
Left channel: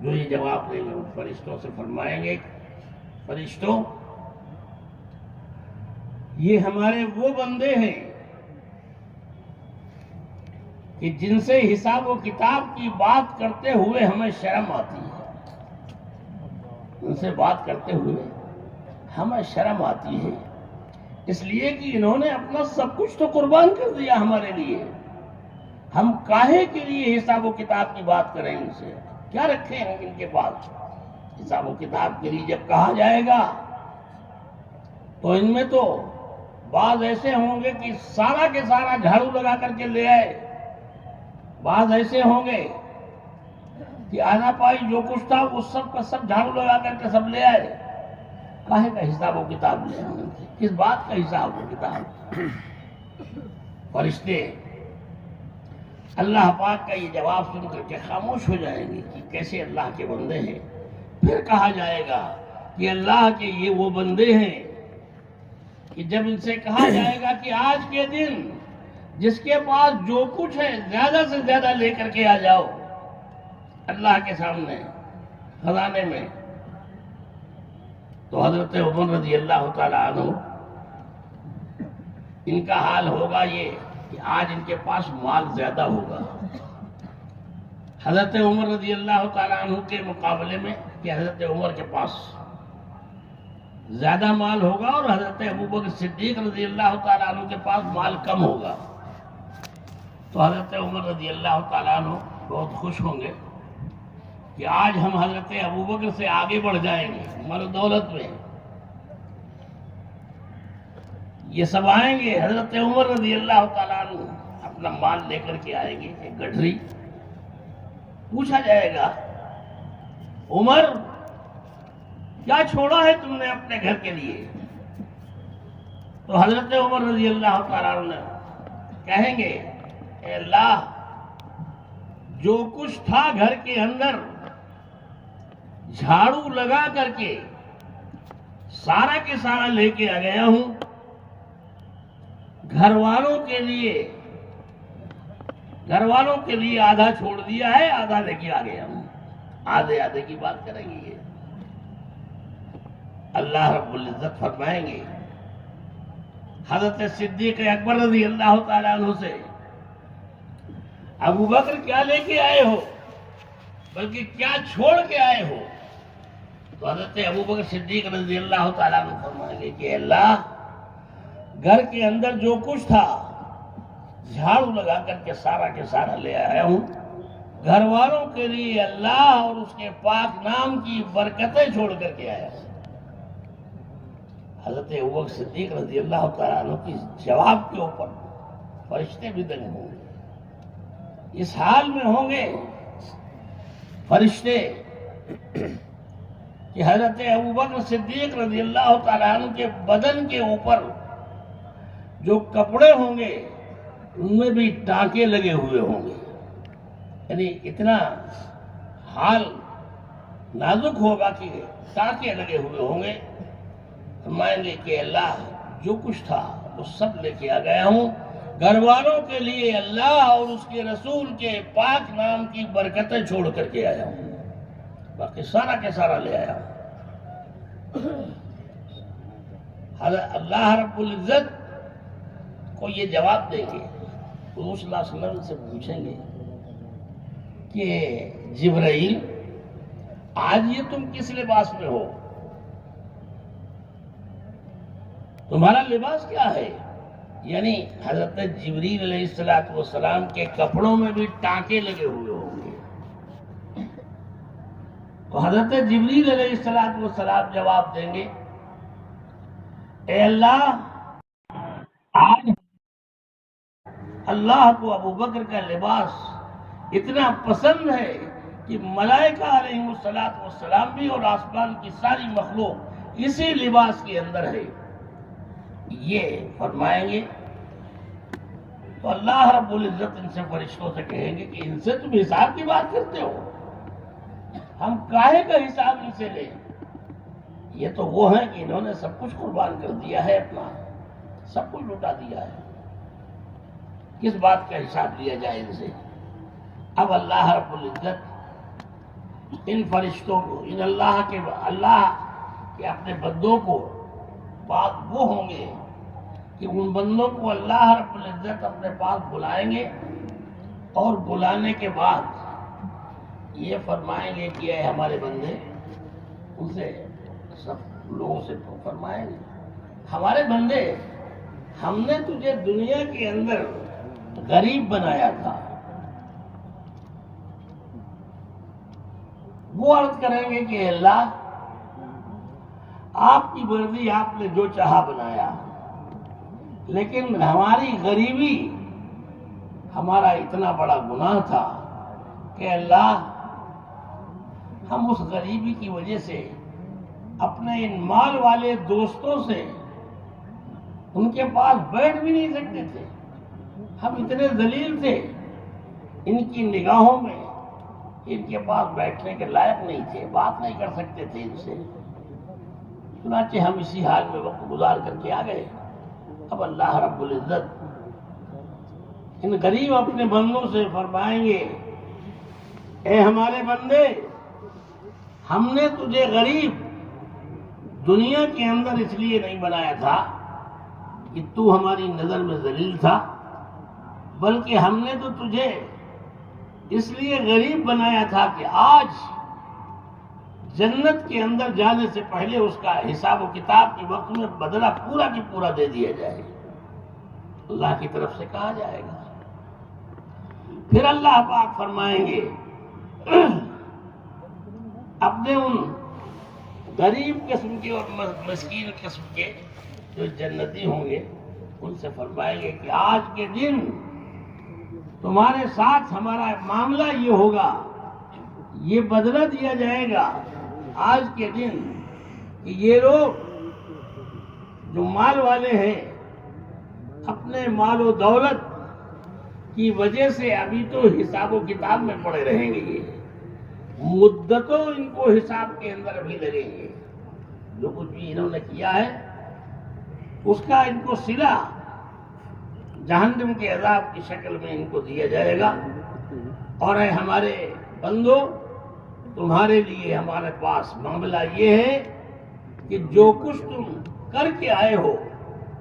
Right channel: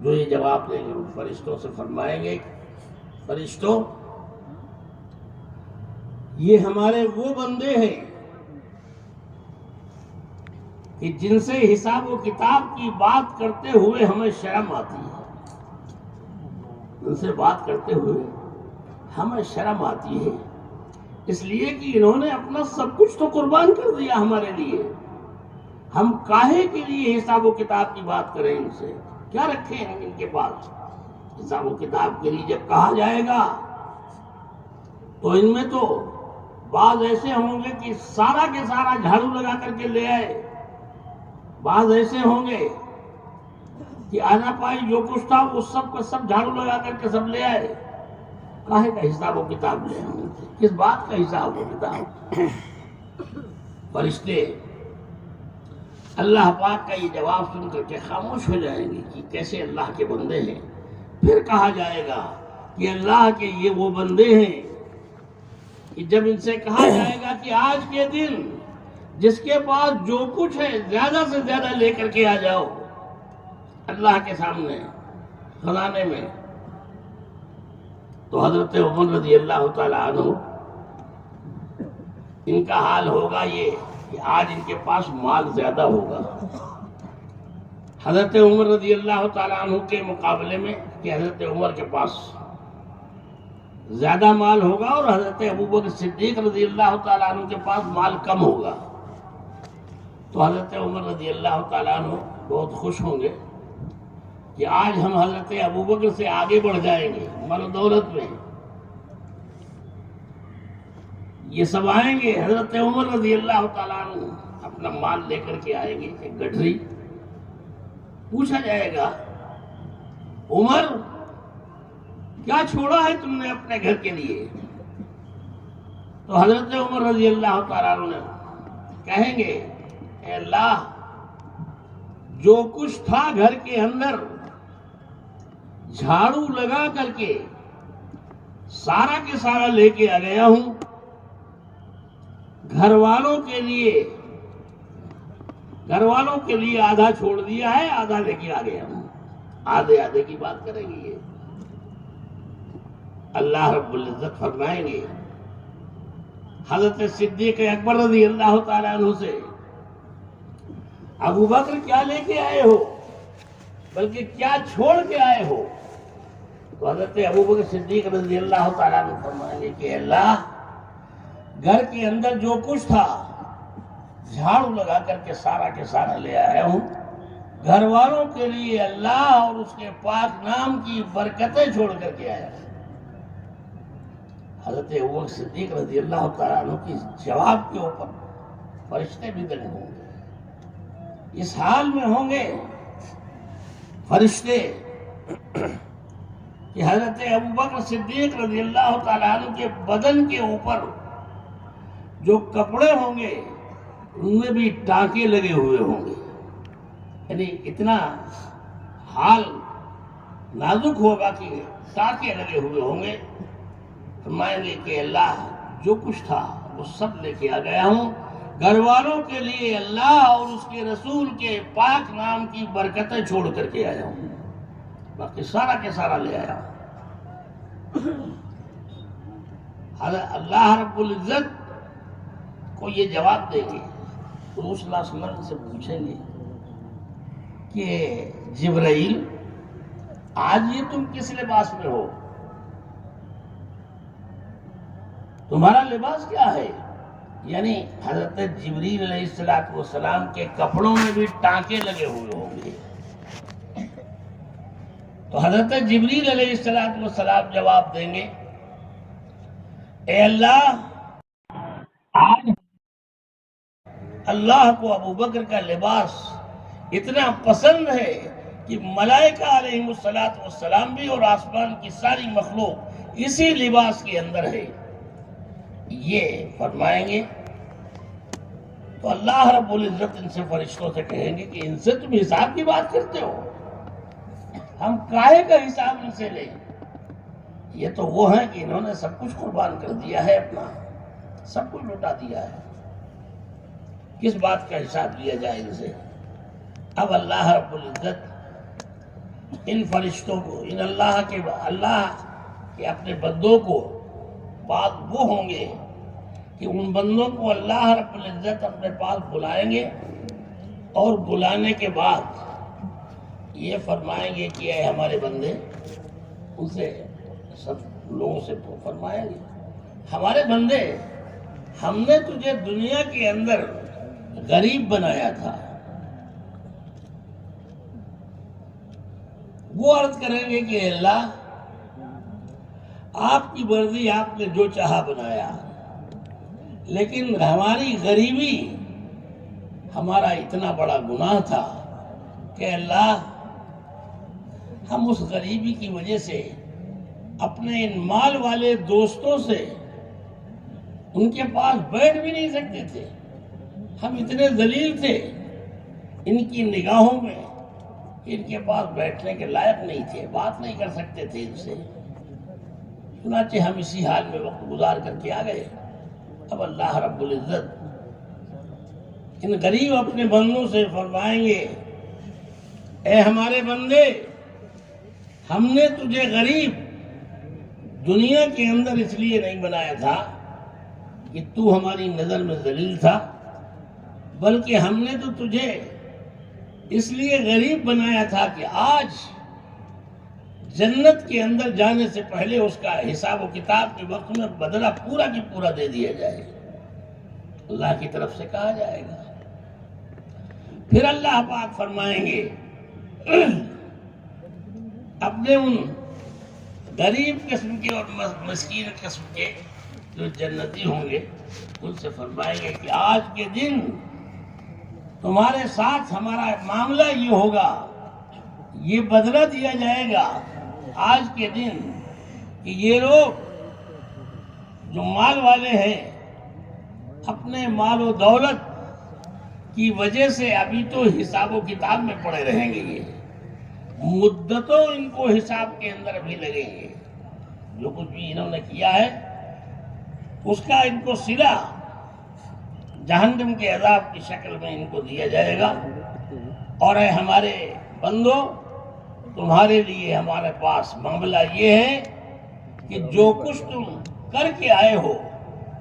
جو یہ جواب دیں گے، ان فرشتوں سے فرمائیں گے، فرشتوں یہ ہمارے وہ بندے ہیں کہ جن سے حساب و کتاب کی بات کرتے ہوئے ہمیں شرم آتی ہے، ان سے بات کرتے ہوئے ہمیں شرم آتی ہے، اس لیے کہ انہوں نے اپنا سب کچھ تو قربان کر دیا ہمارے لیے، ہم کاہے کے لیے حساب و کتاب کی بات کریں؟ ان سے کیا رکھے ہم ان کے پاس حساب و کتاب کے لیے؟ جب کہا جائے گا تو ان میں تو بعض ایسے ہوں گے کہ سارا کے سارا جھاڑو لگا کر کے لے آئے، بعض ایسے ہوں گے کہ آنا پائی جو کچھ تھا وہ سب کا سب جھاڑو لگا کر کے سب لے آئے۔ کاہے کا حساب و کتاب لے آئے؟ کس بات کا حساب و کتاب؟ فرشتے اللہ پاک کا یہ جواب سن کر کے خاموش ہو جائیں گے کہ کیسے اللہ کے بندے ہیں. پھر کہا جائے گا کہ اللہ کے یہ وہ بندے ہیں کہ جب ان سے کہا جائے گا کہ آج کے دن جس کے پاس جو کچھ ہے زیادہ سے زیادہ لے کر کے آ جاؤ اللہ کے سامنے خزانے میں، تو حضرت عمر رضی اللہ تعالیٰ عنہ ان کا حال ہوگا یہ کہ آج ان کے پاس مال زیادہ ہوگا حضرت عمر رضی اللہ تعالیٰ عنہ کے مقابلے میں، کہ حضرت عمر کے پاس زیادہ مال ہوگا اور حضرت ابوبکر صدیق رضی اللہ تعالیٰ عنہ کے پاس مال کم ہوگا. تو حضرت عمر رضی اللہ تعالیٰ عنہ بہت خوش ہوں گے کہ آج ہم حضرت ابوبکر سے آگے بڑھ جائیں گے مال و دولت میں. یہ سب آئیں گے، حضرت عمر رضی اللہ تعالیٰ عنہ اپنا مال لے کر کے آئیں گے ایک گٹھری. پوچھا جائے گا عمر کیا چھوڑا ہے تم نے اپنے گھر کے لیے؟ تو حضرت عمر رضی اللہ تعالیٰ عنہ کہیں گے اے اللہ، جو کچھ تھا گھر کے اندر جھاڑو لگا کر کے سارا کے سارا لے کے آ گیا ہوں. گھر والوں کے لیے آدھا چھوڑ دیا ہے، آدھا لے کے آ گیا ہوں. آدھے آدھے کی بات کریں گے یہ. اللہ رب العزت فرمائیں گے حضرت صدیق اکبر رضی اللہ تعالیٰ عنہ سے، ابو بکر کیا لے کے آئے ہو، بلکہ کیا چھوڑ کے آئے ہو؟ تو حضرت ابو بکر صدیق رضی اللہ تعالیٰ عنہ فرمائیں گے کہ اللہ، گھر کے اندر جو کچھ تھا جھاڑو لگا کر کے سارا کے سارا لے آیا ہوں. گھر والوں کے لیے اللہ اور اس کے پاک نام کی برکتیں چھوڑ کر کے آیا ہوں. حضرت ابوبکر صدیق رضی اللہ تعالیٰ عنہ کی جواب کے اوپر فرشتے بھی دنگ ہوں گے. اس حال میں ہوں گے فرشتے کہ حضرت ابوبکر صدیق رضی اللہ تعالیٰ عنہ کے بدن کے اوپر جو کپڑے ہوں گے ان میں بھی ٹانکے لگے ہوئے ہوں گے. یعنی اتنا حال نازک ہوگا کہ ٹانکے لگے ہوئے ہوں گے. فرمائیں گے کہ اللہ، جو کچھ تھا وہ سب لے کے آ گیا ہوں. گھر والوں کے لیے اللہ اور اس کے رسول کے پاک نام کی برکتیں چھوڑ کر کے آیا ہوں. باقی سارا کے سارا لے آیا ہوں. اللہ رب العزت کو یہ جواب دیں گے. حضور صلی اللہ علیہ وسلم سے پوچھیں گے کہ جبرائیل، آج یہ تم کس لباس میں ہو؟ تمہارا لباس کیا ہے؟ یعنی حضرت جبریل علیہ السلام کے کپڑوں میں بھی ٹانکے لگے ہوئے ہوں گے. تو حضرت جبریل علیہ السلام جواب دیں گے اے اللہ، آج اللہ کو ابو بکر کا لباس اتنا پسند ہے کہ ملائکہ علیہ السلام بھی اور آسمان کی ساری مخلوق اسی لباس کے اندر ہے. یہ فرمائیں گے تو اللہ رب العزت ان سے فرشتوں سے کہیں گے کہ ان سے تم حساب کی بات کرتے ہو، ہم کاہے کا حساب ان سے لیں؟ یہ تو وہ ہیں کہ انہوں نے سب کچھ قربان کر دیا ہے، اپنا سب کچھ لٹا دیا ہے. کس بات کا حساب لیا جائے ان سے؟ اب اللہ رب العزت ان فرشتوں کو، ان اللہ کے اپنے بندوں کو، بعد وہ ہوں گے کہ ان بندوں کو اللہ رب العزت اپنے پاس بلائیں گے اور بلانے کے بعد یہ فرمائیں گے کہ اے ہمارے بندے، ان سے سب لوگوں سے فرمائیں گے ہمارے بندے، ہم نے تجھے دنیا کے اندر غریب بنایا تھا. وہ عرض کریں گے کہ اللہ، آپ کی مرضی، آپ نے جو چاہا بنایا، لیکن ہماری غریبی ہمارا اتنا بڑا گناہ تھا کہ اللہ، ہم اس غریبی کی وجہ سے اپنے ان مال والے دوستوں سے ان کے پاس بیٹھ بھی نہیں سکتے تھے. ہم اتنے ذلیل تھے ان کی نگاہوں میں ان کے پاس بیٹھنے کے لائق نہیں تھے، بات نہیں کر سکتے تھے ان سے، چنانچہ ہم اسی حال میں وقت گزار کر کے آ گئے۔ اب اللہ رب العزت ان غریب اپنے بندوں سے فرمائیں گے، اے ہمارے بندے، ہم نے تجھے غریب دنیا کے اندر اس لیے نہیں بنایا تھا کہ تو ہماری نظر میں ذلیل تھا، بلکہ ہم نے تو تجھے اس لیے غریب بنایا تھا کہ آج جنت کے اندر جانے سے پہلے اس کا حساب و کتاب کے وقت میں بدلہ پورا کی پورا دے دیا جائے، اللہ کی طرف سے کہا جائے گا۔ پھر اللہ پاک فرمائیں گے اپنے ان غریب قسم کے اور مسکین قسم کے جو جنتی ہوں گے ان سے فرمائیں گے کہ آج کے دن تمہارے ساتھ ہمارا معاملہ یہ ہوگا، یہ بدلہ دیا جائے گا آج کے دن کہ یہ لوگ جو مال والے ہیں اپنے مال و دولت کی وجہ سے ابھی تو حساب و کتاب میں پڑے رہیں گے، یہ مدتوں ان کو حساب کے اندر ابھی لگیں گے، جو کچھ بھی انہوں نے کیا ہے اس کا ان کو صلہ جہنم کے عذاب کی شکل میں ان کو دیا جائے گا۔ اور اے ہمارے بندو، تمہارے لیے ہمارے پاس معاملہ یہ ہے کہ جو کچھ تم کر کے آئے ہو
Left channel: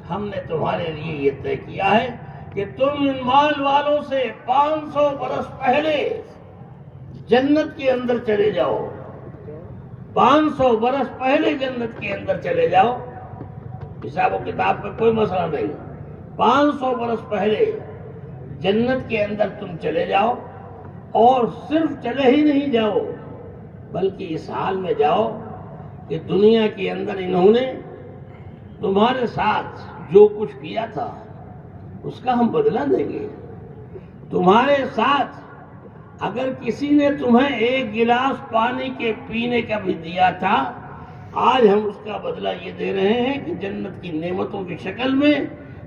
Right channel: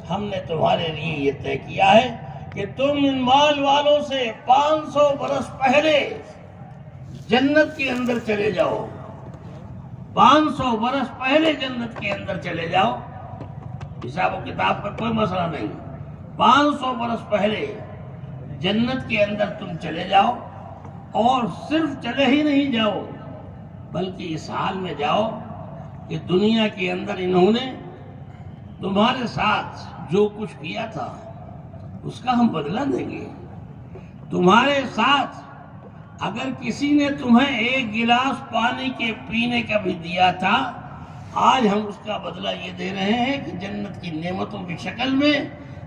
ہم نے تمہارے لیے یہ طے کیا ہے کہ تم ان مال والوں سے 500 برس پہلے جنت کے اندر چلے جاؤ، 500 برس پہلے جنت کے اندر چلے جاؤ، حساب و کتاب میں کوئی مسئلہ نہیں، 500 برس پہلے جنت کے اندر تم چلے جاؤ، اور صرف چلے ہی نہیں جاؤ بلکہ اس حال میں جاؤ کہ دنیا کے اندر انہوں نے تمہارے ساتھ جو کچھ کیا تھا اس کا ہم بدلہ دیں گے۔ تمہارے ساتھ اگر کسی نے تمہیں ایک گلاس پانی کے پینے کا بھی دیا تھا، آج ہم اس کا بدلہ یہ دے رہے ہیں کہ جنت کی نعمتوں کی شکل میں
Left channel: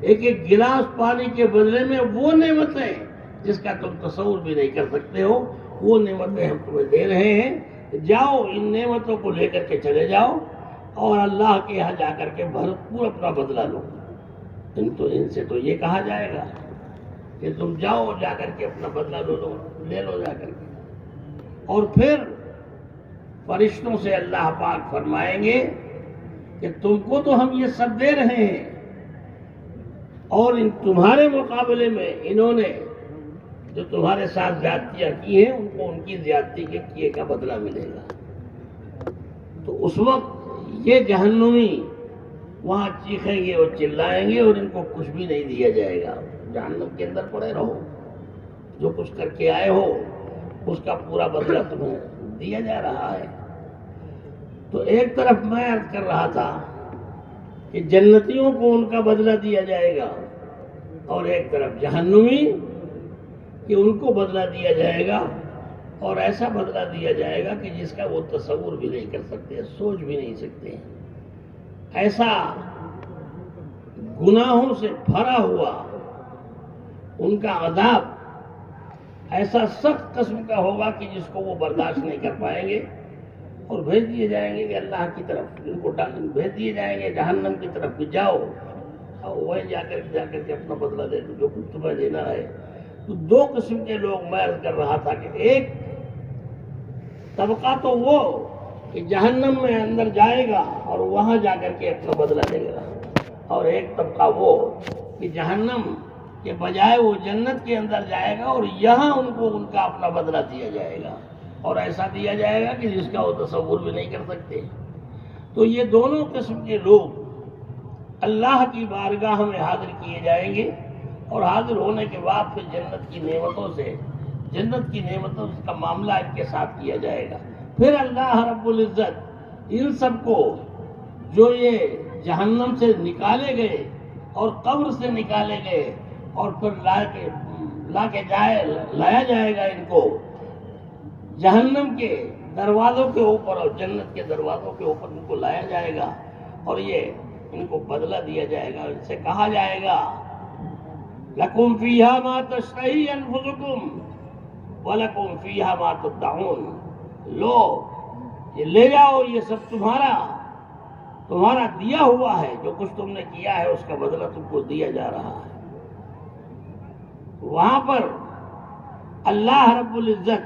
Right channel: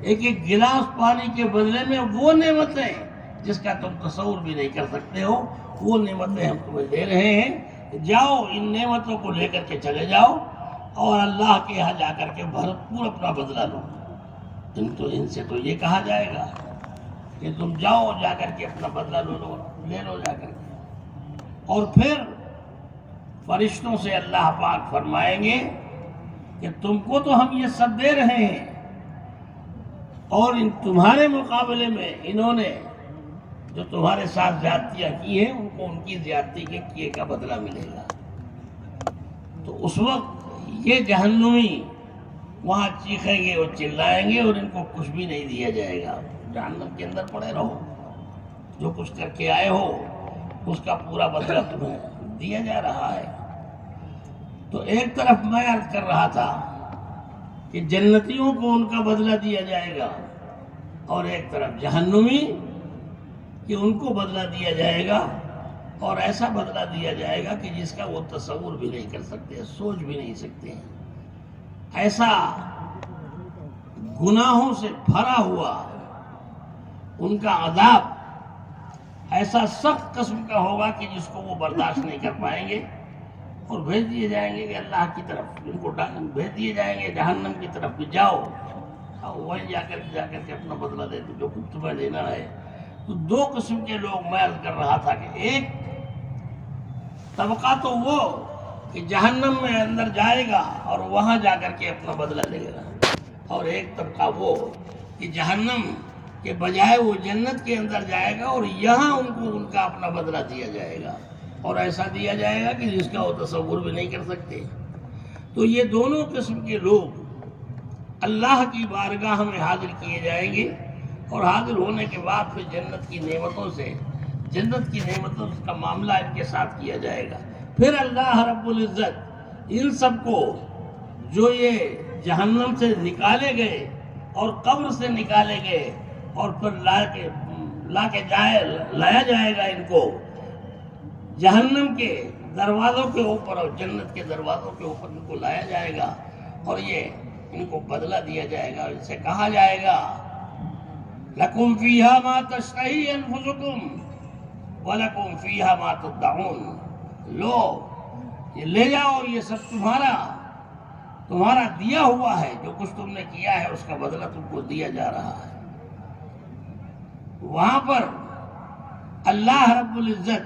ایک ایک گلاس پانی کے بدلے میں وہ نعمتیں جس کا تم تصور بھی نہیں کر سکتے ہو، وہ نعمتیں ہم تمہیں دے رہے ہیں، جاؤ ان نعمتوں کو لے کر کے چلے جاؤ اور اللہ کے یہاں جا کر کے بھرپور اپنا بدلہ لو۔ ان سے تو یہ کہا جائے گا کہ تم جاؤ جا کر کے اپنا بدلہ لے لو جا کر کے۔ اور پھر فرشتوں سے اللہ پاک فرمائیں گے کہ تم کو تو ہم یہ سب دے رہے ہیں، اور ان تمہارے مقابلے میں انہوں نے جو تمہارے ساتھ زیادتیاں کی ہیں ان کو ان کی زیادتی کے کیے کا بدلہ ملے گا۔ تو اس وقت یہ جہنمی وہاں چیخیں گے اور چلائیں گے اور ان کو کچھ بھی نہیں دیا جائے گا، جہنم کے اندر پڑے رہو، جو کچھ کر کے آئے ہو اس کا پورا بدلہ تمہیں دیا جا رہا ہے۔ تو ایک طرف میں عرض کر رہا تھا کہ جنتیوں کو ان کا بدلہ دیا جائے گا، اور ایک طرف جہنمی کہ ان کو بدلہ دیا جائے گا، اور ایسا بدلہ دیا جائے گا کہ جس کا وہ تصور بھی نہیں کر سکتے، سوچ بھی نہیں سکتے۔ ایسا گناہوں سے بھرا ہوا ان کا عذاب ایسا سخت قسم کا ہوگا کہ جس کو وہ برداشت نہیں کر پائیں گے، اور بھیج دیے جائیں گے کہ اللہ کی طرف، ان کو بھیج دیے جائیں گے جہنم کی طرف کہ جاؤ، اور وہیں جا کر کے اپنا بدلہ دے دو جو کچھ تمہیں دینا ہے۔ تو دو قسم کے لوگ میں عرض کر رہا تھا کہ ایک طبقہ تو وہ کہ جہنم میں اندر جائے گا اور وہاں جا کر کے اپنا بدلہ لے گا، اور ایک طبقہ وہ کہ جہنم کے بجائے وہ جنت کے اندر جائے گا اور یہاں ان کو ان کا اپنا بدلہ دیا جائے گا، اور ایسا دیا جائے گا کہ جس کا وہ تصور بھی نہیں کر سکتے۔ تو یہ دونوں قسم کے لوگ اللہ کی بارگاہ میں حاضر کیے جائیں گے، اور حاضر ہونے کے بعد پھر جنت کی نعمتوں کا معاملہ ان کے ساتھ کیا جائے گا۔ پھر اللہ رب العزت ان سب کو جو یہ جہنم سے نکالے گئے اور قبر سے نکالے گئے اور پھر لایا جائے گا ان کو جہنم کے دروازوں کے اوپر اور جنت کے دروازوں کے اوپر ان کو لایا جائے گا، اور یہ ان کو بدلہ دیا جائے گا۔ ان سے کہا جائے گا لَكُمْ فِيهَا مَا تَشْتَهِي أَنفُسُكُمْ وَلَكُمْ فِيهَا مَا تَدَّعُونَ، لو یہ لے جاؤ، یہ سب تمہارا دیا ہوا ہے، جو کچھ تم نے کیا ہے اس کا بدلہ تم کو دیا جا رہا ہے۔ وہاں پر اللہ رب العزت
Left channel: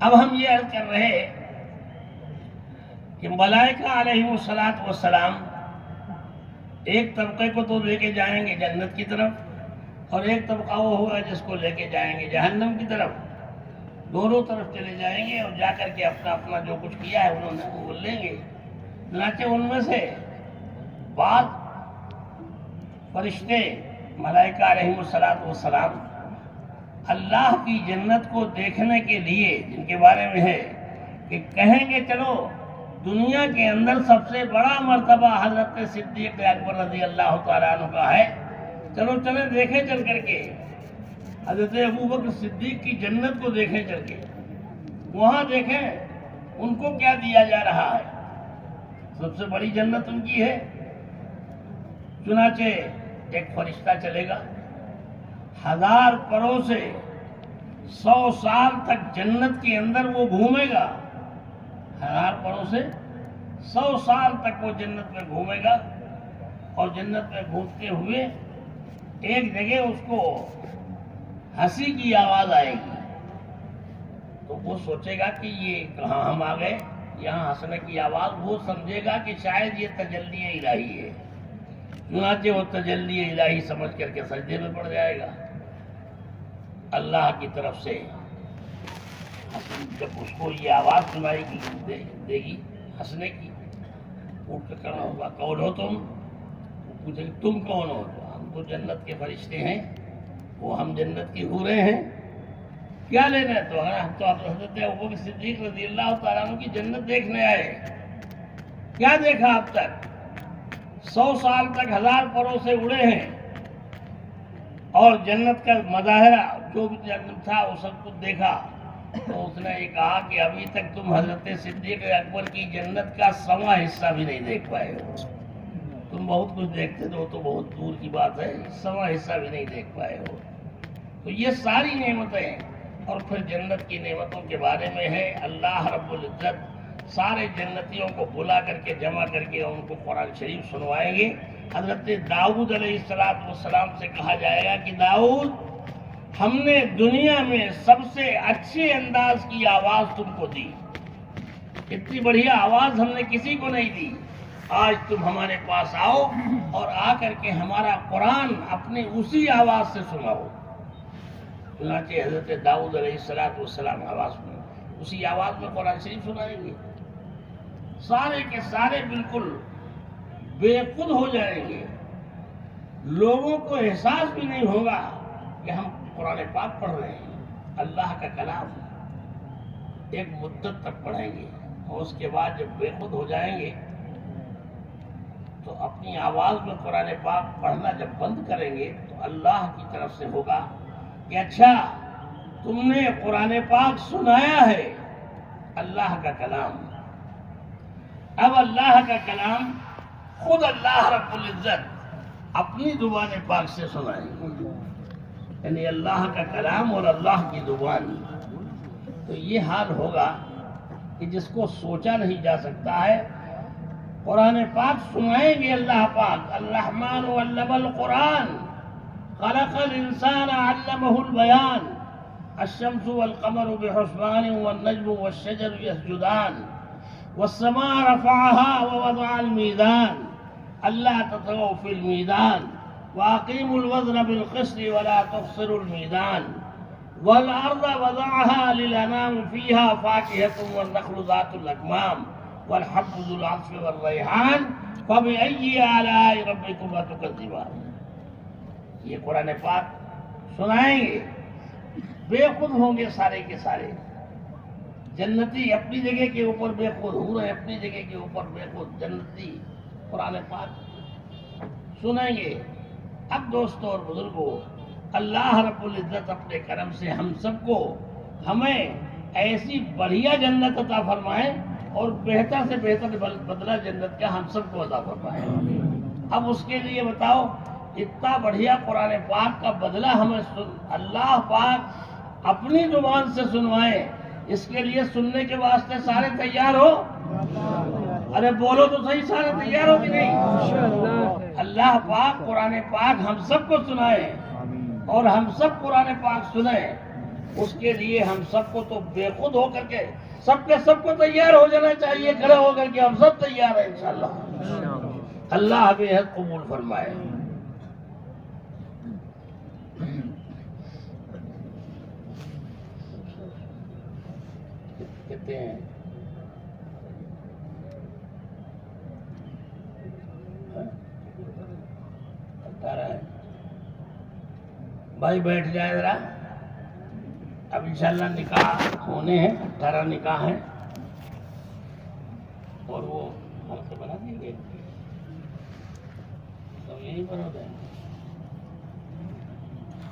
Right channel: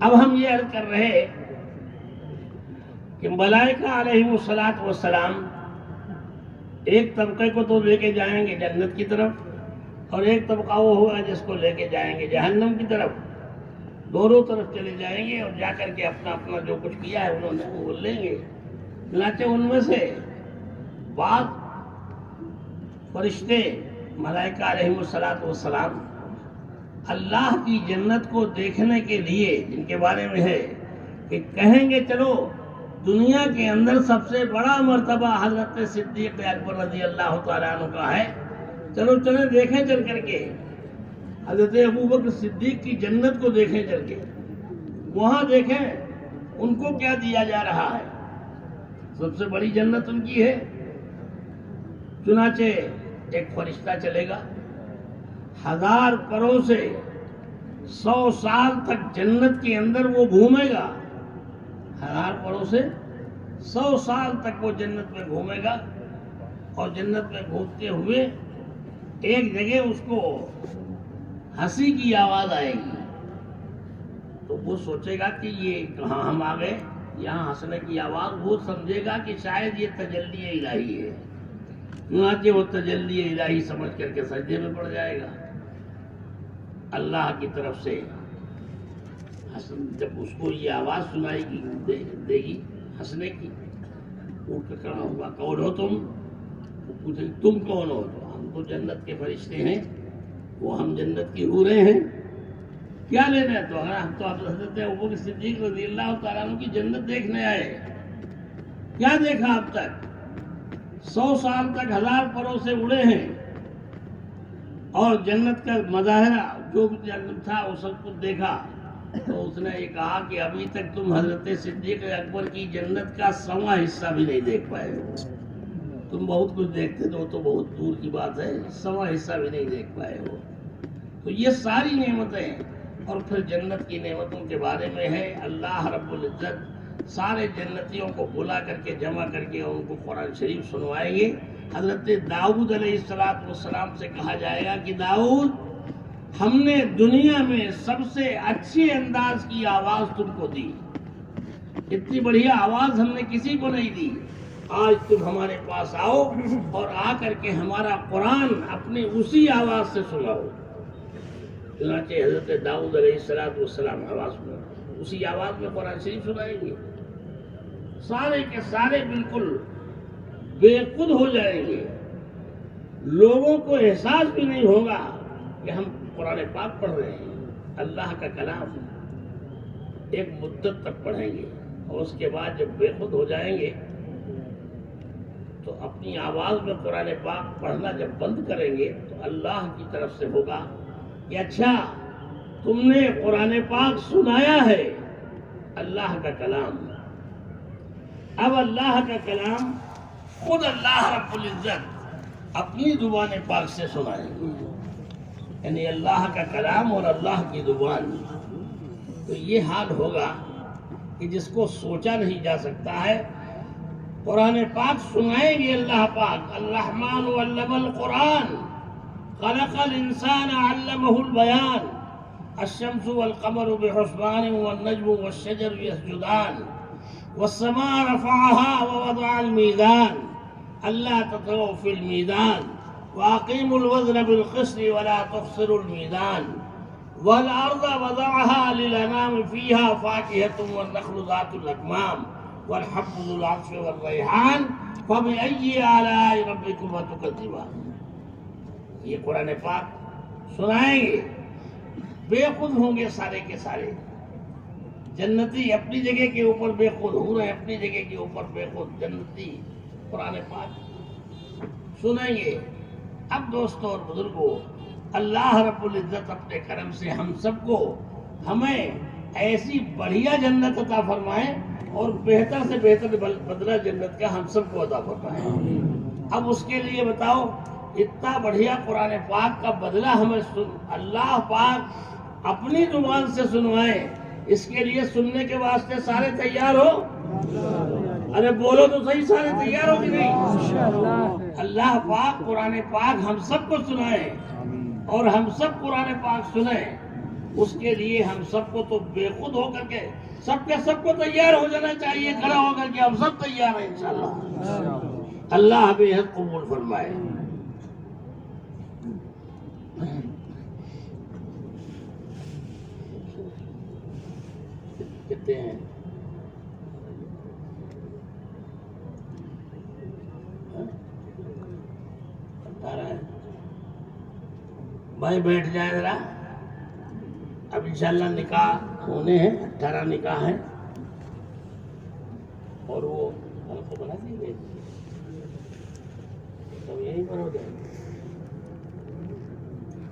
اب ہم یہ عرض کر رہے کہ ملائکہ علیہم الصلاۃ والسلام ایک طبقے کو تو لے کے جائیں گے جنت کی طرف، اور ایک طبقہ وہ ہوگا جس کو لے کے جائیں گے جہنم کی طرف۔ دونوں طرف چلے جائیں گے اور جا کر کے اپنا اپنا جو کچھ کیا ہے انہوں نے وہ لیں گے۔ چنانچہ ان میں سے بعض فرشتے ملائکہ علیہم الصلاۃ والسلام اللہ کی جنت کو دیکھنے کے لیے، جن کے بارے میں ہے کہ کہیں گے چلو دنیا کے اندر سب سے بڑا مرتبہ حضرت صدیق اکبر رضی اللہ تعالیٰ عنہ کا ہے، چلو چلیں دیکھیں چل کر کے حضرت ابوبکر صدیق کی جنت کو دیکھیں چل کے، وہاں دیکھیں ان کو کیا دیا جا رہا ہے، سب سے بڑی جنت ان کی ہے۔ چنانچہ ایک فرشتہ چلے گا، 1000 پروں سے 100 سال تک جنت کے اندر وہ گھومے گا، 1000 پروں سے 100 سال تک وہ جنت میں گھومے گا، اور جنت میں گھومتے ہوئے ایک جگہ اس کو ہنسی کی آواز آئے گی، تو وہ سوچے گا کہ یہ کہاں ہم آ گئے، یہاں ہنسنے کی آواز، وہ سمجھے گا کہ شاید یہ تجلی الہی ہے، چنانچہ وہ تجلی الہی سمجھ کر کے سجدے میں پڑ جائے گا۔ اللہ کی طرف سے جب اس کو یہ آواز سنائے گی دے گی ہنسنے کی، اٹھ کے کھڑا ہوگا، کون ہو تم؟ وہ پوچھے گی تم کون ہو؟ تو ہم تو جنت کے فرشتے ہیں، وہ ہم جنت کی حوریں ہیں، کیا لینا ہے؟ تو ہم تو حضرت ابوبکر صدیق رضی اللہ تعالیٰ عنہ کی جنت دیکھنے آئے۔ کیا دیکھا اب تک؟ 100 سال تک 1000 پروں سے اڑے ہیں، اور جنت کا مظاہرہ جو بھی جنت تھا وہ سب کچھ دیکھا، تو اس نے یہ کہا کہ ابھی تک تم حضرت صدیق اکبر کی جنت کا 100واں حصہ بھی نہیں دیکھ پائے ہو، تم بہت کچھ دیکھتے تو بہت دور کی بات ہے، 100واں حصہ بھی نہیں دیکھ پائے ہو۔ تو یہ ساری نعمتیں، اور پھر جنت کی نعمتوں کے بارے میں ہے اللہ رب العزت سارے جنتیوں کو بلا کر کے جمع کر کے ان کو قرآن شریف سنوائیں گے۔ حضرت داؤد علیہ السلام سے کہا جائے گا کہ داؤد، ہم نے دنیا میں سب سے اچھے انداز کی آواز تم کو دی، اتنی بڑھیا آواز ہم نے کسی کو نہیں دی، آج تم ہمارے پاس آؤ اور آ کر کے ہمارا قرآن اپنی اسی آواز سے سناؤ۔ چنانچہ حضرت داؤد علیہ السلام آواز سنا، اسی آواز میں قرآن شریف سنائیں گے، سارے کے سارے بالکل بے خود ہو جائیں گے، لوگوں کو احساس بھی نہیں ہوگا کہ ہم قرآن پاک پڑھ رہے ہیں، اللہ کا کلام ایک مدت تک پڑھیں گے، اور اس کے بعد جب بے خود ہو جائیں گے تو اپنی آواز میں قرآن پاک پڑھنا جب بند کریں گے تو اللہ کی طرف سے ہوگا کہ اچھا تم نے قرآن پاک سنایا ہے، اللہ کا کلام۔ اب اللہ کا کلام خود اللہ رب العزت اپنی زبان پاک سے سنائیں گے، یعنی اللہ کا کلام اور اللہ کی زبان۔ تو یہ حال ہوگا کہ جس کو سوچا نہیں جا سکتا ہے، قرآن پاک سنائیں گے اللہ پاک۔ الرحمن علم القرآن خلق الانسان علمہ البیان، الشمس والقمر بحسبان والنجم والشجر يسجدان والسماء رفعها ووضع الميزان ألا تطغوا في الميزان وأقيموا الوزن بالقسط ولا تخسروا الميزان والأرض وضعها للأنام فيها فاكهة والنخل ذات الأكمام والحب ذو العصف والريحان فبأي آلاء ربكما تكذبان۔ یہ قرآن پاک سنائیں گے، بے خود ہوں گے سارے کے سارے، جنتی اپنی جگہ کے اوپر بے خود، حوریں اپنی جگہ کے اوپر بے خود، جنتی قرآن پاک سنیں گے۔ اب دوستوں اور بزرگوں، اللہ رب العزت اپنے کرم سے ہم سب کو، ہمیں ایسی بڑھیا جنت عطا فرمائے اور بہتر سے بہتر بدلہ جنت کا ہم سب کو عطا فرمائے۔ اب اس کے لیے بتاؤ، اتنا بڑھیا قرآن پاک کا بدلہ ہمیں اللہ پاک اپنی زبان سے سنوائے، اس کے لیے سننے کے واسطے سارے تیار ہو؟ ارے بولو تو صحیح، سارے تیار ہو کہ نہیں؟ اللہ پاک قرآن پاک ہم سب کو سنائے اور ہم سب قرآن پاک سنیں، اس کے لیے ہم سب کو تو بے خود ہو کر کے سب کو تیار ہو جانا چاہیے، کھڑا ہو کر کے ہم سب تیار ہیں انشاءاللہ۔ اللہ بے حد قبول فرمائے۔ کہتے ہیں بھائی بیٹھ جائے ذرا، اب انشاءاللہ نکاح ہونے ہیں، 18 نکاح ہیں اور وہ حلقے بنا دیے گئے، تو یہیں پر ہو جائے،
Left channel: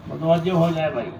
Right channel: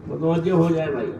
متوجہ ہو جائے بھائی۔